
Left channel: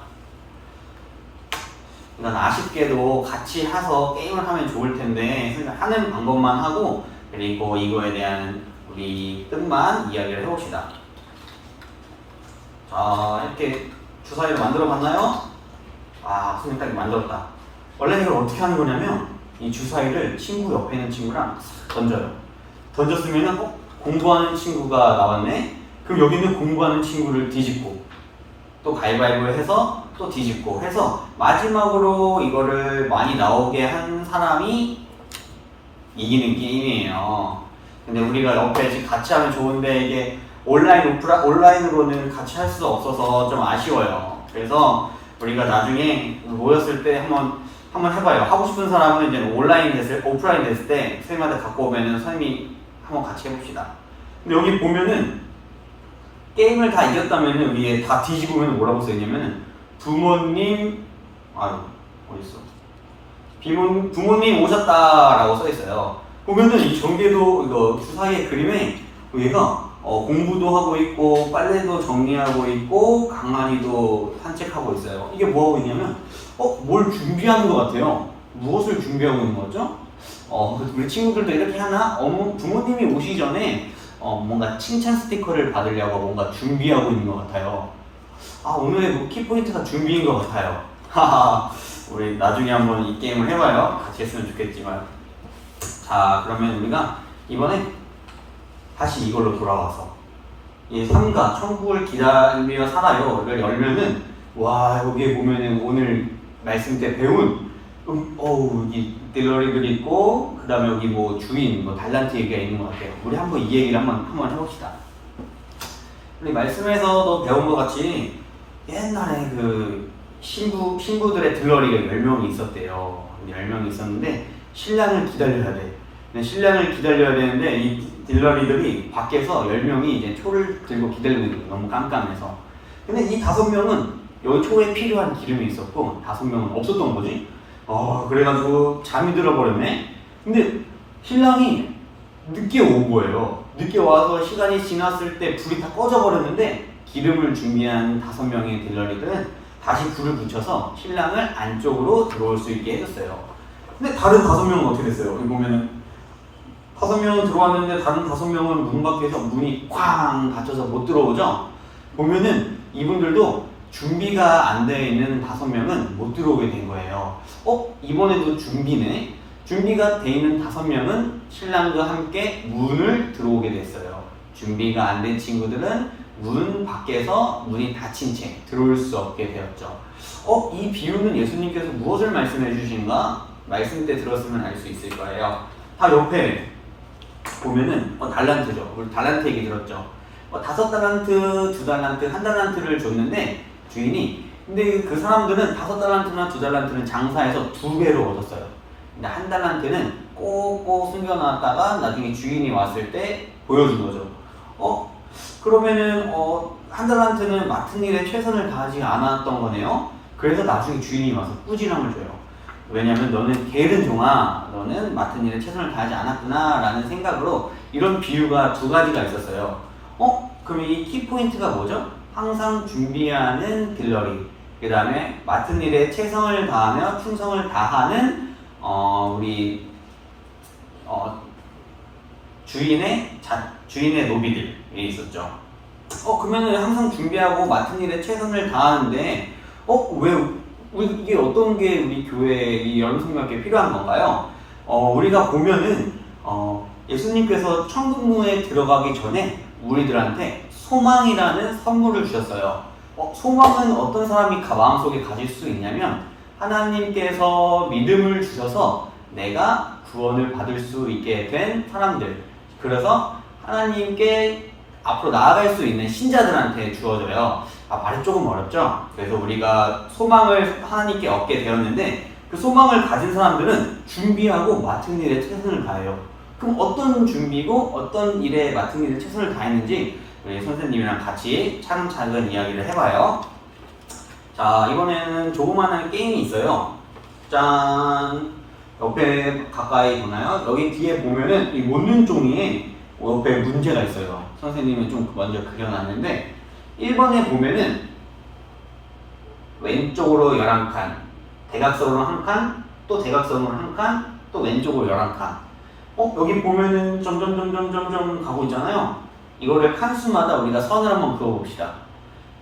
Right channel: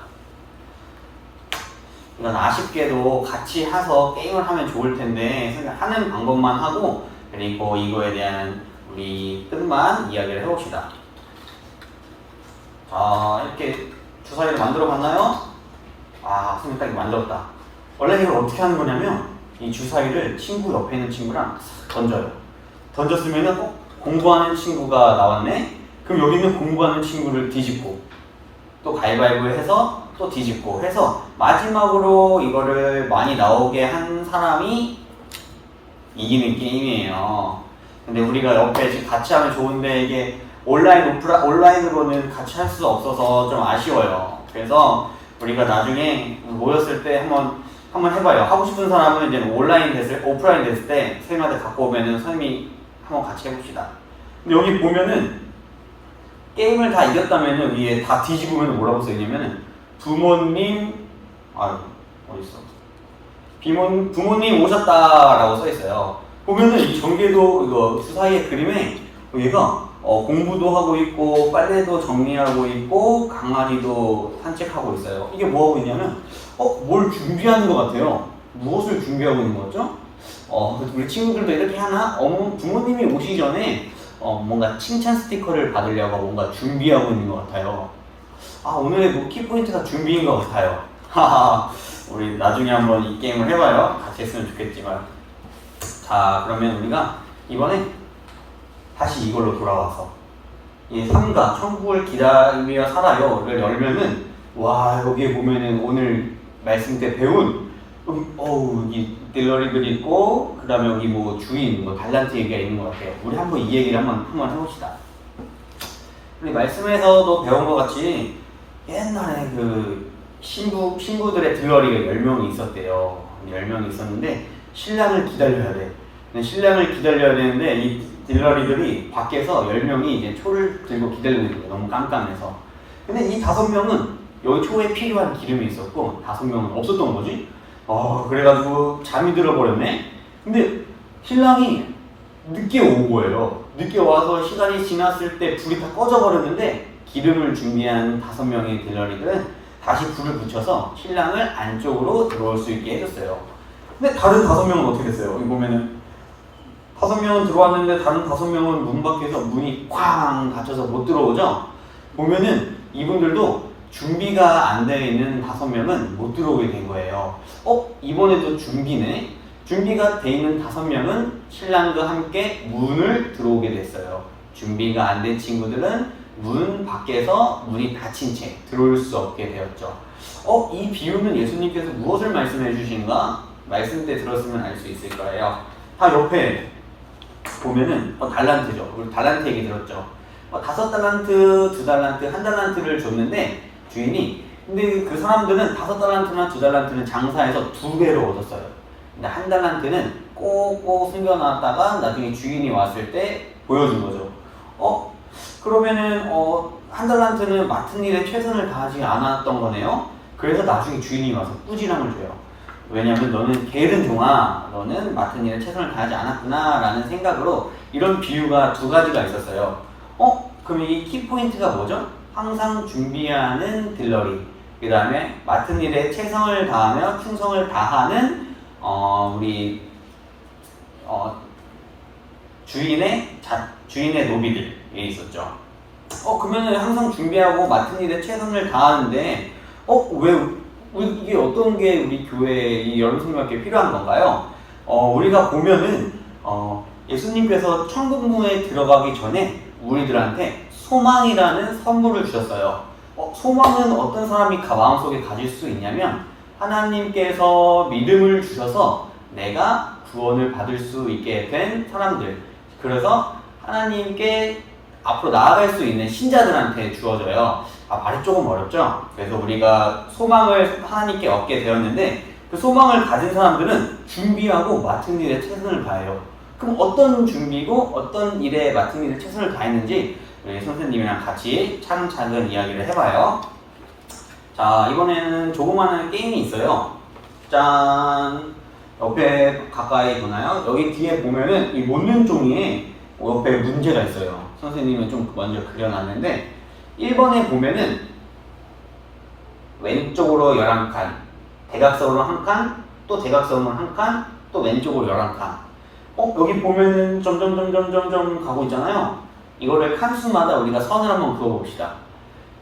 이건 아쉽게도 같이 해서 게임을 하면 좋을 텐데 하는 방법만 하고 그리고 이거에 대한 우리 뜻만 이야기를 해봅시다. 자, 이렇게 주사위를 만들어 봤나요? 선생님 딱 만들었다. 원래 이걸 어떻게 하는 거냐면 이 주사위를 친구 옆에 있는 친구랑 던져요. 던졌으면은 공부하는 친구가 나왔네? 그럼 여기 있는 공부하는 친구를 뒤집고 또 가위바위보 해서 또 뒤집고 해서 마지막으로 이거를 많이 나오게 한 사람이 이기는 게임이에요. 근데 우리가 옆에 지금 같이 하면 좋은데 이게 온라인으로는 같이 할 수 없어서 좀 아쉬워요. 그래서 우리가 나중에 모였을 때 한번 해봐요. 하고 싶은 사람은 이제 오프라인 됐을 때 선생님한테 갖고 오면은 선생님이 한번 같이 해봅시다. 근데 여기 보면은 게임을 다 이겼다면은 위에 다 뒤집으면 뭐라고 써있냐면은 부모님 부모님 오셨다라고 써있어요. 보면은 이 전개도 이거 주사위의 그림에 얘가 공부도 하고 있고 빨래도 정리하고 있고 강아지도 산책하고 있어요. 이게 뭐하고 있냐면 뭘 준비하는 것 같아요. 무엇을 준비하고 있는 거죠? 우리 친구들도 이렇게 하나? 부모님이 오시기 전에 뭔가 칭찬 스티커를 받으려고 뭔가 준비하고 있는 것 같아요. 오늘의 키포인트가 준비인 것 같아요. 우리 나중에 한번 이 게임을 해봐요. 같이 했으면 좋겠지만. 자, 그러면 우리가 이번에 다시 이걸로 돌아와서 이 3가 천국을 기다리며 살아요를 열면은 여기에 보면은 오늘 말씀 때 배운 이 딜러리들이 있고 그 다음에 여기 뭐 주인 달란트 얘기가 있는 것 같아요. 우리 한번 이 얘기를 한번 해봅시다. 우리 말씀에서도 배운 것 같이 옛날에 그 신부들의 딜러리가 10명이 있었대요. 10명이 있었는데 신랑을 기다려야 돼. 신랑을 기다려야 되는데 이 딜러리들이 밖에서 10명이 이제 초를 들고 기다리고 있는 거예요. 너무 깜깜해서. 근데 이 5명은 여기 초에 필요한 기름이 있었고 5명은 없었던 거지. 그래가지고 잠이 들어버렸네. 근데 신랑이 늦게 온 거예요. 늦게 와서 시간이 지났을 때 불이 다 꺼져버렸는데 기름을 준비한 5명의 딜러리들은 다시 불을 붙여서 신랑을 안쪽으로 들어올 수 있게 해줬어요. 근데 다른 5명은 어떻게 됐어요? 여기 보면은 5명은 들어왔는데 다른 5명은 문 밖에서 문이 쾅 닫혀서 못 들어오죠? 보면은 이분들도 준비가 안 되어 있는 5명은 못 들어오게 된 거예요. 이번에도 준비네? 준비가 돼 있는 5명은 신랑과 함께 문을 들어오게 됐어요. 준비가 안 된 친구들은 문 밖에서 문이 닫힌 채 들어올 수 없게 되었죠. 이 비유는 예수님께서 무엇을 말씀해 주신가? 말씀 때 들었으면 알 수 있을 거예요. 옆에 보면은 달란트죠. 우리 달란트 얘기 들었죠. 5달란트, 2달란트, 1달란트를 줬는데 주인이 근데 그 사람들은 5달란트나 2달란트는 장사해서 2배로 얻었어요. 근데 1달란트는 꼭꼭 숨겨놨다가 나중에 주인이 왔을 때 보여준 거죠. 그러면은 1달란트는 맡은 일에 최선을 다하지 않았던 거네요. 그래서 나중에 주인이 와서 꾸지람을 줘요. 왜냐면 너는 게으른 종아, 너는 맡은 일에 최선을 다하지 않았구나 라는 생각으로 이런 비유가 2가지가 있었어요. 그러면 이 키포인트가 뭐죠? 항상 준비하는 딜러리. 그 다음에 맡은 일에 최선을 다하며 충성을 다하는 우리 주인의 노비들이 있었죠. 그러면은 항상 준비하고 맡은 일에 최선을 다하는데 이게 어떤 게 우리 교회 이 여름성경학교에 필요한 건가요? 우리가 보면은 예수님께서 천국문에 들어가기 전에 우리들한테 소망이라는 선물을 주셨어요. 소망은 어떤 사람이 마음속에 가질 수 있냐면 하나님께서 믿음을 주셔서 내가 구원을 받을 수 있게 된 사람들, 그래서 하나님께 앞으로 나아갈 수 있는 신자들한테 주어져요. 말이 조금 어렵죠? 그래서 우리가 소망을 하나님께 얻게 되었는데 그 소망을 가진 사람들은 준비하고 맡은 일에 최선을 다해요. 그럼 어떤 준비고 어떤 일에 맡은 일에 최선을 다했는지 우리 선생님이랑 같이 차근차근 이야기를 해봐요. 자, 이번에는 조그마한 게임이 있어요. 짠! 옆에 가까이 보나요? 여기 뒤에 보면은 이 못는 종이에 옆에 문제가 있어요. 선생님은 좀 먼저 그려놨는데 1번에 보면은 왼쪽으로 11칸, 대각선으로 1칸, 또 대각선으로 1칸, 또 왼쪽으로 11칸. 여기 보면은 점점 가고 있잖아요. 이거를 칸수마다 우리가 선을 한번 그어봅시다.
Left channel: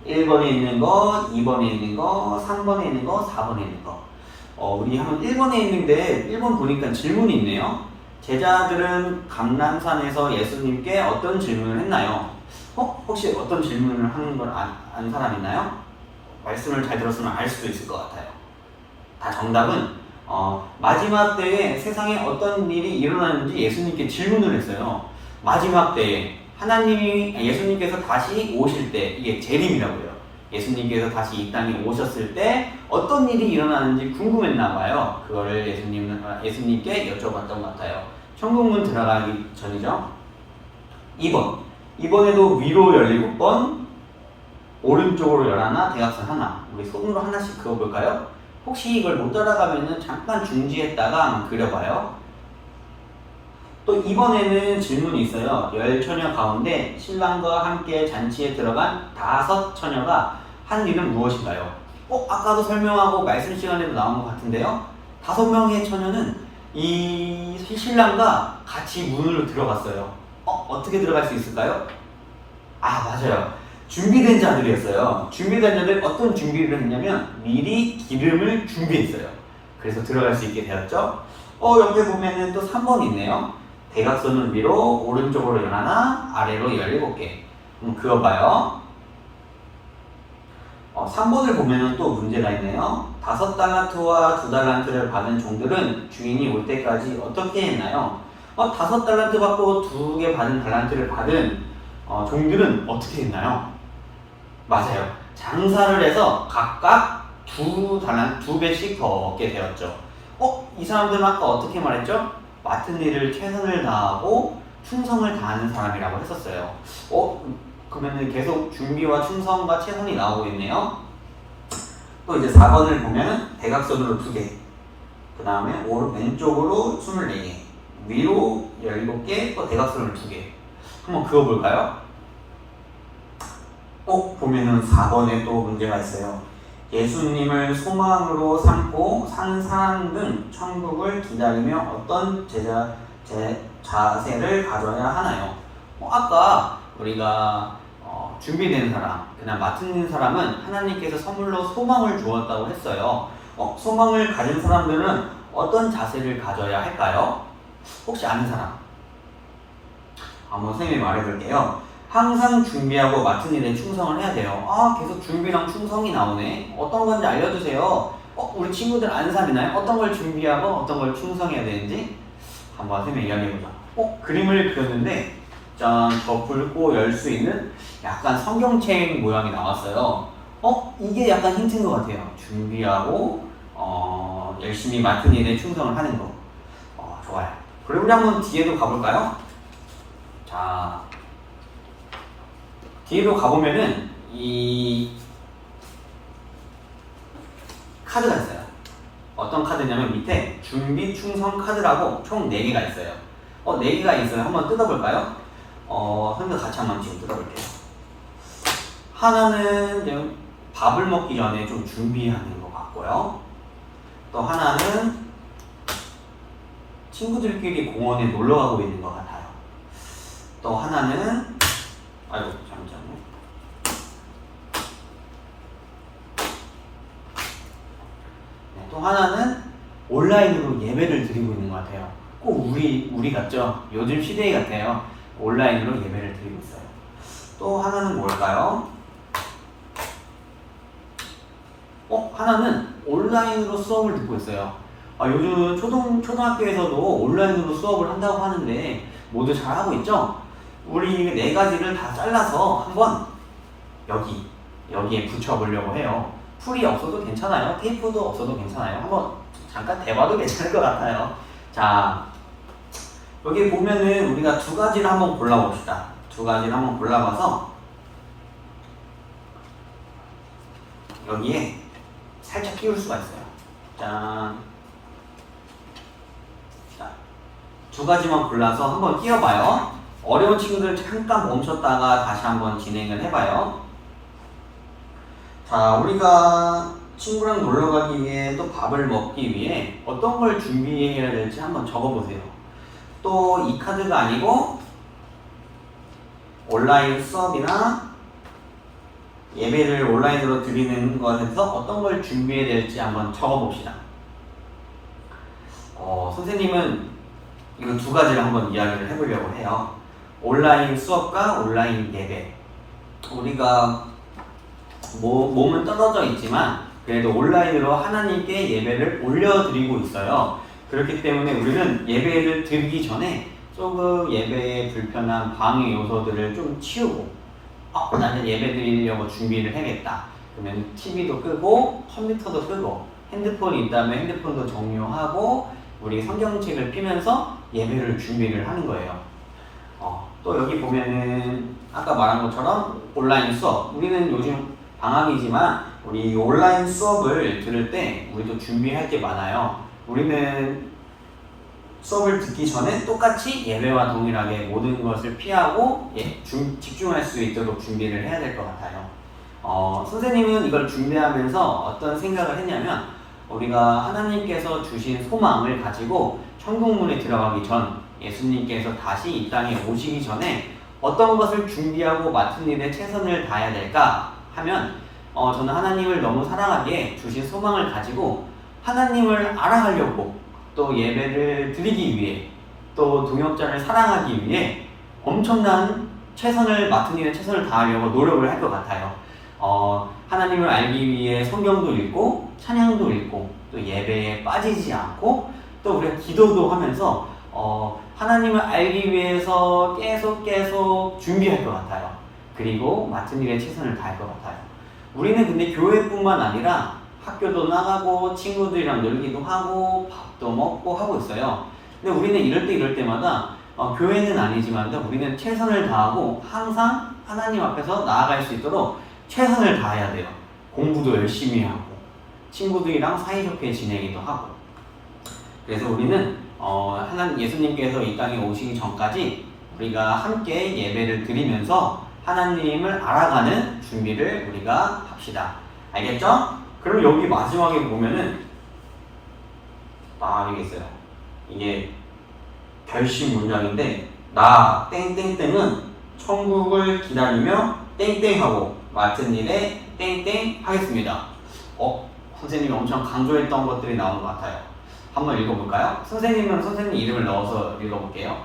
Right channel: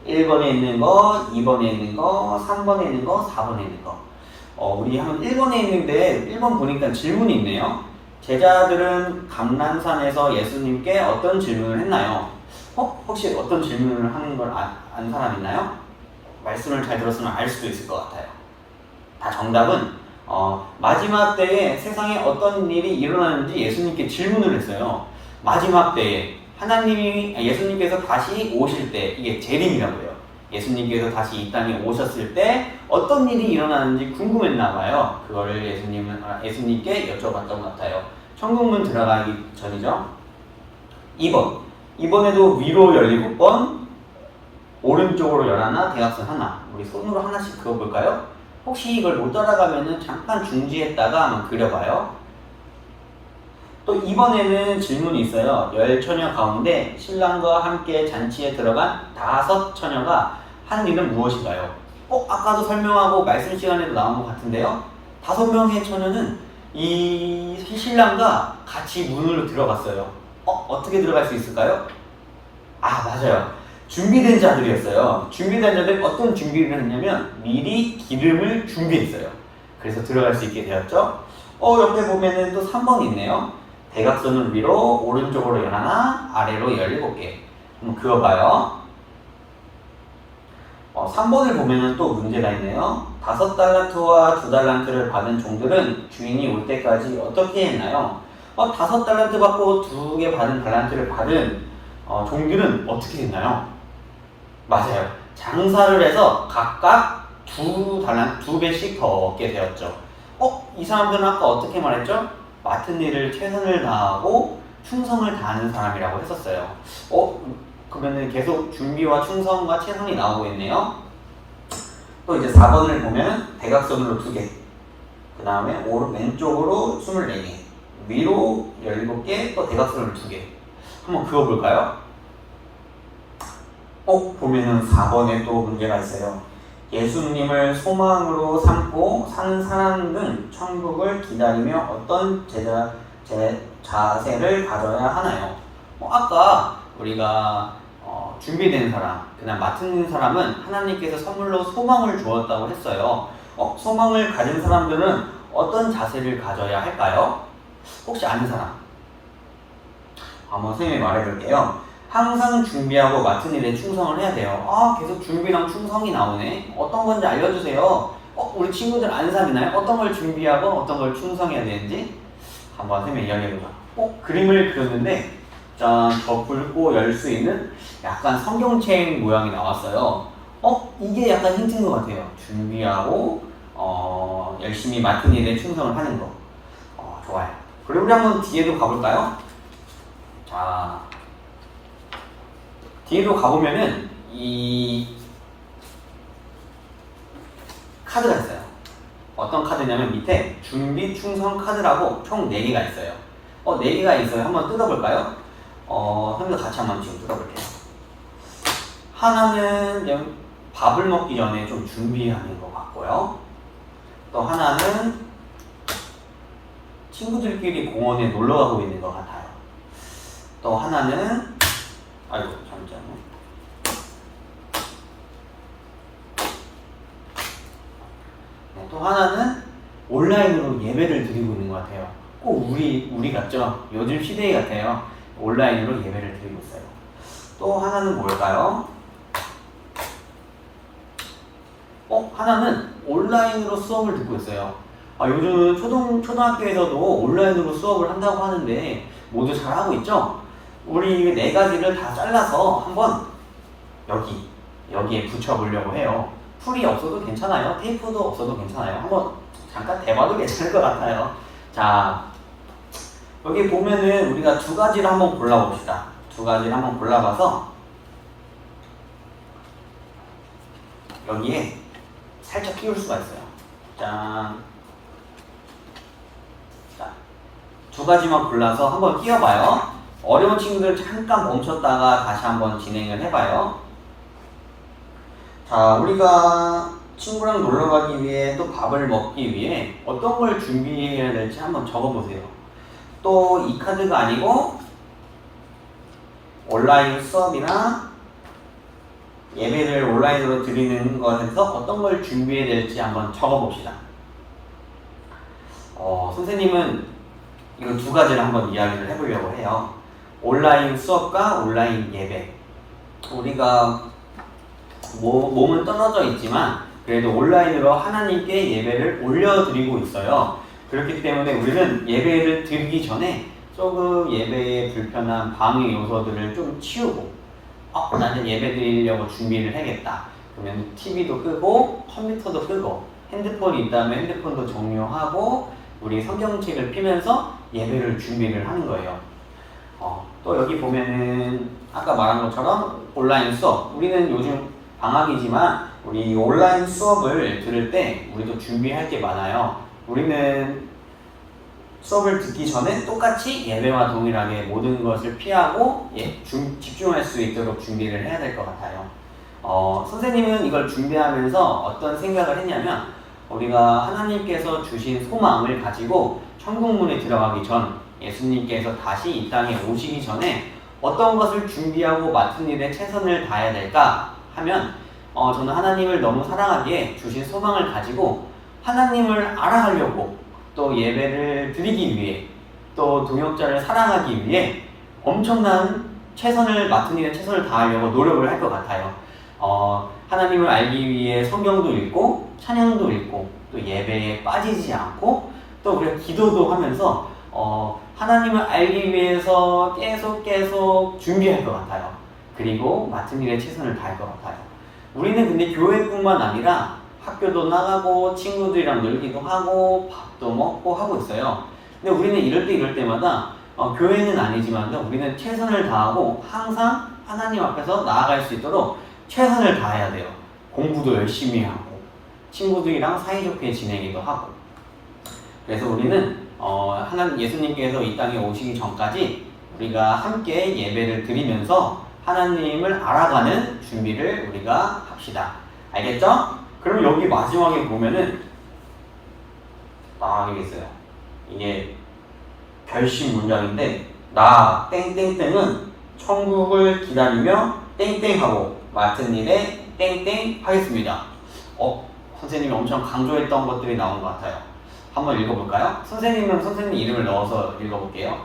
1번에 있는 거, 2번에 있는 거, 3번에 있는 거, 4번에 있는 거. 우리 한번 1번에 있는데 1번 보니까 질문이 있네요. 제자들은 감람산에서 예수님께 어떤 질문을 했나요? 혹시 어떤 질문을 하는 걸 아는 사람 있나요? 말씀을 잘 들었으면 알 수도 있을 것 같아요. 다 정답은 마지막 때에 세상에 어떤 일이 일어나는지 예수님께 질문을 했어요. 마지막 때에 예수님께서 다시 오실 때, 이게 재림이라고 해요. 예수님께서 다시 이 땅에 오셨을 때 어떤 일이 일어나는지 궁금했나 봐요. 그거를 예수님께 여쭤봤던 것 같아요. 천국문 들어가기 전이죠. 2번. 이번에도 위로 17번, 오른쪽으로 11, 대각선 하나. 우리 손으로 하나씩 그어볼까요? 혹시 이걸 못 따라가면은 잠깐 중지했다가 한번 그려봐요. 또 이번에는 질문이 있어요. 10처녀 가운데 신랑과 함께 잔치에 들어간 5 처녀가 한 일은 무엇인가요? 아까도 설명하고 말씀 시간에도 나온 것 같은데요. 5명의 처녀는 이 신랑과 같이 문으로 들어갔어요. 어떻게 들어갈 수 있을까요? 맞아요. 준비된 자들이었어요. 준비된 자들 어떤 준비를 했냐면 미리 기름을 준비했어요. 그래서 들어갈 수 있게 되었죠. 옆에 보면은 또 3번이 있네요. 대각선을 위로 오른쪽으로 11, 아래로 17개. 한번 그어봐요. 3번을 보면은 또 문제가 있네요. 5달란트와 2달란트를 받은 종들은 주인이 올 때까지 어떻게 했나요? 5달란트 받고 2개 받은 달란트를 받은 종들은 어떻게 했나요? 맞아요. 장사를 해서 각각 2배씩 더 얻게 되었죠. 이 사람들은 아까 어떻게 말했죠? 맡은 일을 최선을 다하고 충성을 다하는 사람이라고 했었어요. 그러면은 계속 준비와 충성과 최선이 나오고 있네요. 또 이제 4번을 보면 대각선으로 2개, 그 다음에 왼쪽으로 24개, 위로 17개, 또 대각선으로 2개. 한번 그어볼까요? 보면은 4번에 또 문제가 있어요. 예수님을 소망으로 삼고 사는 사람들은 천국을 기다리며 어떤 자세를 가져야 하나요? 아까 우리가 준비된 사람, 그냥 맡은 사람은 하나님께서 선물로 소망을 주었다고 했어요. 소망을 가진 사람들은 어떤 자세를 가져야 할까요? 혹시 아는 사람? 한번 선생님이 말해볼게요. 항상 준비하고 맡은 일에 충성을 해야 돼요. 계속 준비랑 충성이 나오네. 어떤 건지 알려주세요. 우리 친구들 아는 사람 있나요? 어떤 걸 준비하고 어떤 걸 충성해야 되는지 한번 선생님이 이야기해보자. 그림을 그렸는데 짠, 저 붉고 열 수 있는 약간 성경책 모양이 나왔어요. 이게 약간 힌트인 것 같아요. 준비하고 열심히 맡은 일에 충성을 하는 거. 좋아요. 그리고 우리 한번 뒤에도 가볼까요? 자, 뒤에도 가보면은 이 카드가 있어요. 어떤 카드냐면 밑에 준비 충성 카드라고 총 4개가 있어요. 4개가 있어요. 한번 뜯어볼까요? 선생님도 같이 한번 지금 뜯어볼게요. 하나는 밥을 먹기 전에 좀 준비하는 것 같고요. 또 하나는 친구들끼리 공원에 놀러 가고 있는 것 같아요. 또 하나는 아이고 잠시만요. 네, 또 하나는 온라인으로 예배를 드리고 있는 것 같아요. 꼭 우리 같죠? 요즘 시대 같아요. 온라인으로 예배를 드리고 있어요. 또 하나는 뭘까요? 하나는 온라인으로 수업을 듣고 있어요. 요즘 초등학교에서도 온라인으로 수업을 한다고 하는데 모두 잘 하고 있죠? 우리 네 가지를 다 잘라서 한번 여기에 붙여보려고 해요. 풀이 없어도 괜찮아요. 테이프도 없어도 괜찮아요. 한번 잠깐 대봐도 괜찮을 것 같아요. 자, 여기 보면은 우리가 두 가지를 한번 골라봅시다. 두 가지를 한번 골라봐서 여기에 살짝 끼울 수가 있어요. 짠. 자, 두 가지만 골라서 한번 끼워봐요. 어려운 친구들 잠깐 멈췄다가 다시 한번 진행을 해봐요. 자, 우리가 친구랑 놀러 가기 위해 또 밥을 먹기 위해 어떤 걸 준비해야 될지 한번 적어보세요. 또 이 카드가 아니고 온라인 수업이나 예배를 온라인으로 드리는 것에서 어떤 걸 준비해야 될지 한번 적어봅시다. 선생님은 이거 두 가지를 한번 이야기를 해보려고 해요. 온라인 수업과 온라인 예배. 우리가 몸은 떨어져 있지만 그래도 온라인으로 하나님께 예배를 올려드리고 있어요. 그렇기 때문에 우리는 예배를 드리기 전에 조금 예배에 불편한 방해 요소들을 좀 치우고 나는 예배 드리려고 준비를 해야겠다. 그러면 TV도 끄고 컴퓨터도 끄고 핸드폰이 있다면 핸드폰도 종료하고 우리 성경책을 피면서 예배를 준비를 하는 거예요. 또 여기 보면은 아까 말한 것처럼 온라인 수업. 우리는 요즘 방학이지만 우리 온라인 수업을 들을 때 우리도 준비할 게 많아요. 우리는 수업을 듣기 전에 똑같이 예배와 동일하게 모든 것을 피하고 집중할 수 있도록 준비를 해야 될 것 같아요. 선생님은 이걸 준비하면서 어떤 생각을 했냐면 우리가 하나님께서 주신 소망을 가지고 천국문에 들어가기 전 예수님께서 다시 이 땅에 오시기 전에 어떤 것을 준비하고 맡은 일에 최선을 다해야 될까 하면 저는 하나님을 너무 사랑하기에 주신 소망을 가지고 하나님을 알아가려고 또 예배를 드리기 위해 또 동역자를 사랑하기 위해 엄청난 맡은 일에 최선을 다하려고 노력을 할 것 같아요. 하나님을 알기 위해 성경도 읽고 찬양도 읽고 또 예배에 빠지지 않고 또 우리가 기도도 하면서 하나님을 알기 위해서 계속 준비할 것 같아요. 그리고 맡은 일에 최선을 다할 것 같아요. 우리는 근데 교회뿐만 아니라 학교도 나가고 친구들이랑 놀기도 하고 밥도 먹고 하고 있어요. 근데 우리는 이럴 때마다 교회는 아니지만 우리는 최선을 다하고 항상 하나님 앞에서 나아갈 수 있도록 최선을 다해야 돼요. 공부도 열심히 하고 친구들이랑 사이좋게 지내기도 하고. 그래서 우리는 예수님께서 이 땅에 오시기 전까지 우리가 함께 예배를 드리면서 하나님을 알아가는 준비를 우리가 합시다. 알겠죠? 그럼 여기 마지막에 보면은 딱 이게 있어요. 이게 결심 문장인데 나 땡땡땡은 천국을 기다리며 땡땡하고 맡은 일에 땡땡 하겠습니다. 선생님이 엄청 강조했던 것들이 나온 것 같아요. 한번 읽어볼까요? 선생님 이름을 넣어서 읽어볼게요.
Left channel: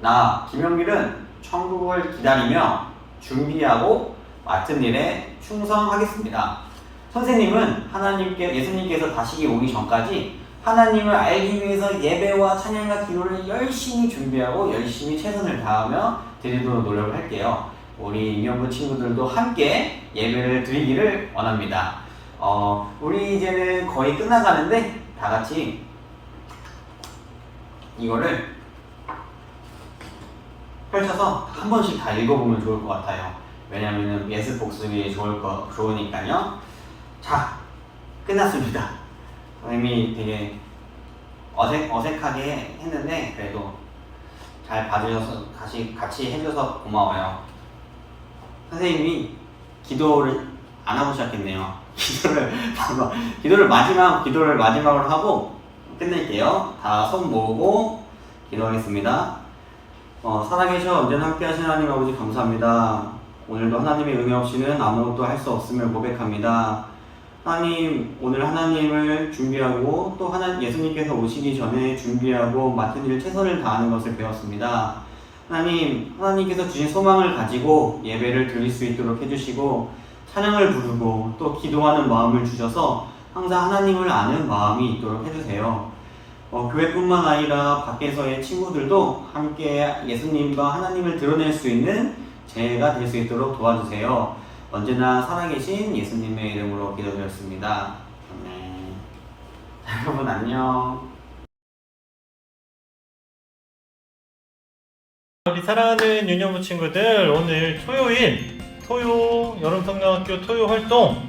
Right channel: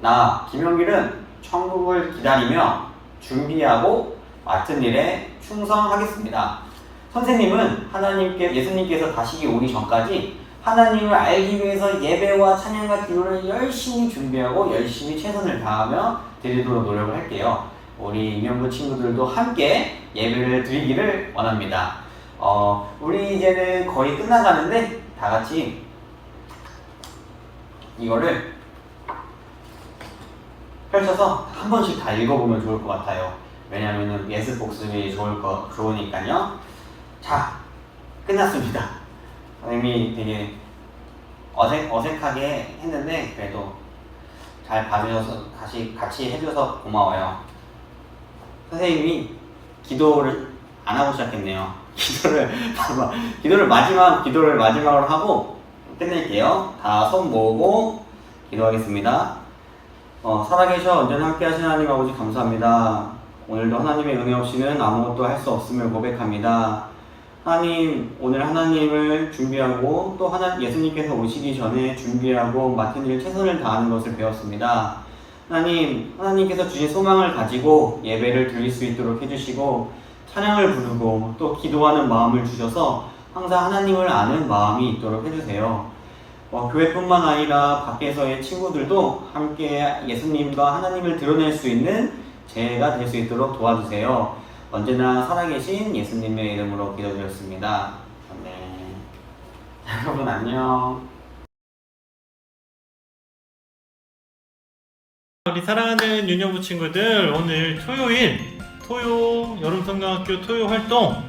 나 김영길은 천국을 기다리며 준비하고 맡은 일에 충성하겠습니다. 선생님은 예수님께서 다시 오기 전까지 하나님을 알기 위해서 예배와 찬양과 기도를 열심히 준비하고 열심히 최선을 다하며 드리도록 노력을 할게요. 우리 임영구 친구들도 함께 예배를 드리기를 원합니다. 우리 이제는 거의 끝나가는데 다 같이 이거를 펼쳐서 한 번씩 다 읽어보면 좋을 것 같아요. 왜냐면은 예습 복습이 좋으니까요. 자, 끝났습니다. 선생님이 되게 어색하게 했는데 그래도 잘 봐주셔서 같이 해줘서 고마워요. 선생님이 기도를 안 하고 시작했네요. 기도를 마지막으로 하고 끝낼게요. 다 손 모으고 기도하겠습니다. 살아계셔 언제나 함께 하신 하나님 아버지 감사합니다. 오늘도 하나님의 은혜 없이는 아무것도 할 수 없음을 고백합니다. 하나님, 오늘 하나님을 준비하고 또 예수님께서 오시기 전에 준비하고 맡은 일 최선을 다하는 것을 배웠습니다. 하나님께서 주신 소망을 가지고 예배를 드릴 수 있도록 해주시고 찬양을 부르고 또 기도하는 마음을 주셔서 항상 하나님을 아는 마음이 있도록 해주세요. 교회뿐만 아니라 밖에서의 친구들도 함께 예수님과 하나님을 드러낼 수 있는 제가 될 수 있도록 도와주세요. 언제나 살아계신 예수님의 이름으로 기도드렸습니다. 아멘. 여러분 안녕. 우리 사랑하는 유년부 친구들, 오늘 토요 여름성경학교 토요 활동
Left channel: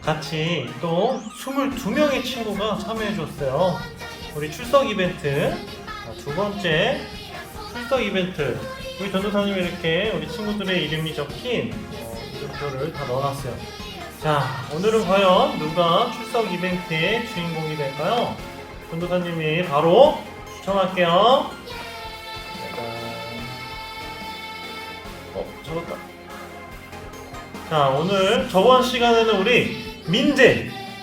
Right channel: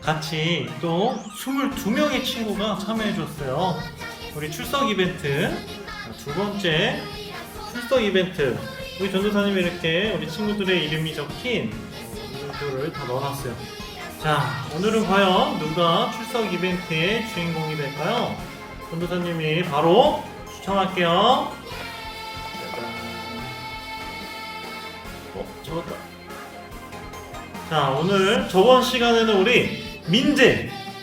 같이 또 22명의 친구가 참여해 줬어요. 우리 출석 이벤트, 두 번째 출석 이벤트, 우리 전도사님이 이렇게 우리 친구들의 이름이 적힌 이름표를 다 넣어놨어요. 자, 오늘은 과연 누가 출석 이벤트의 주인공이 될까요? 전도사님이 바로 추첨할게요. 잡았다. 자, 오늘 저번 시간에는 우리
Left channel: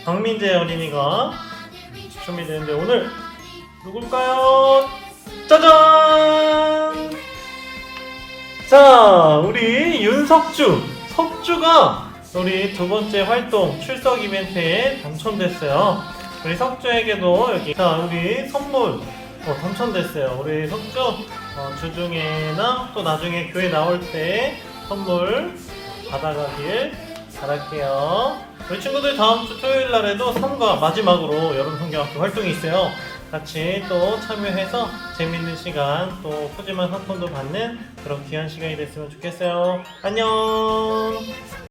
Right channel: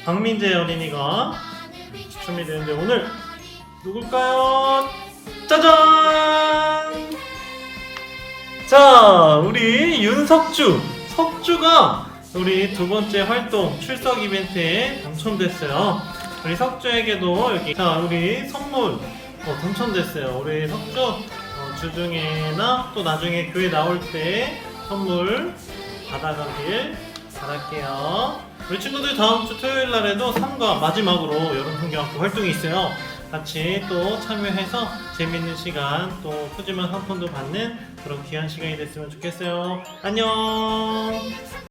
박민재 어린이가 추첨이 되는데 오늘 누굴까요? 짜잔! 자, 우리 석주가 우리 두 번째 활동 출석 이벤트에 당첨됐어요. 우리 석주에게도 여기, 자, 우리 선물 당첨됐어요. 우리 석주 주중에나 또 나중에 교회 나올 때 선물 받아가길 바랄게요. 우리 친구들 다음 주 토요일 날에도 3과 마지막으로 여름성경학교 활동이 있어요. 같이 또 참여해서 재밌는 시간 또 푸짐한 상품도 받는 그런 귀한 시간이 됐으면 좋겠어요. 안녕.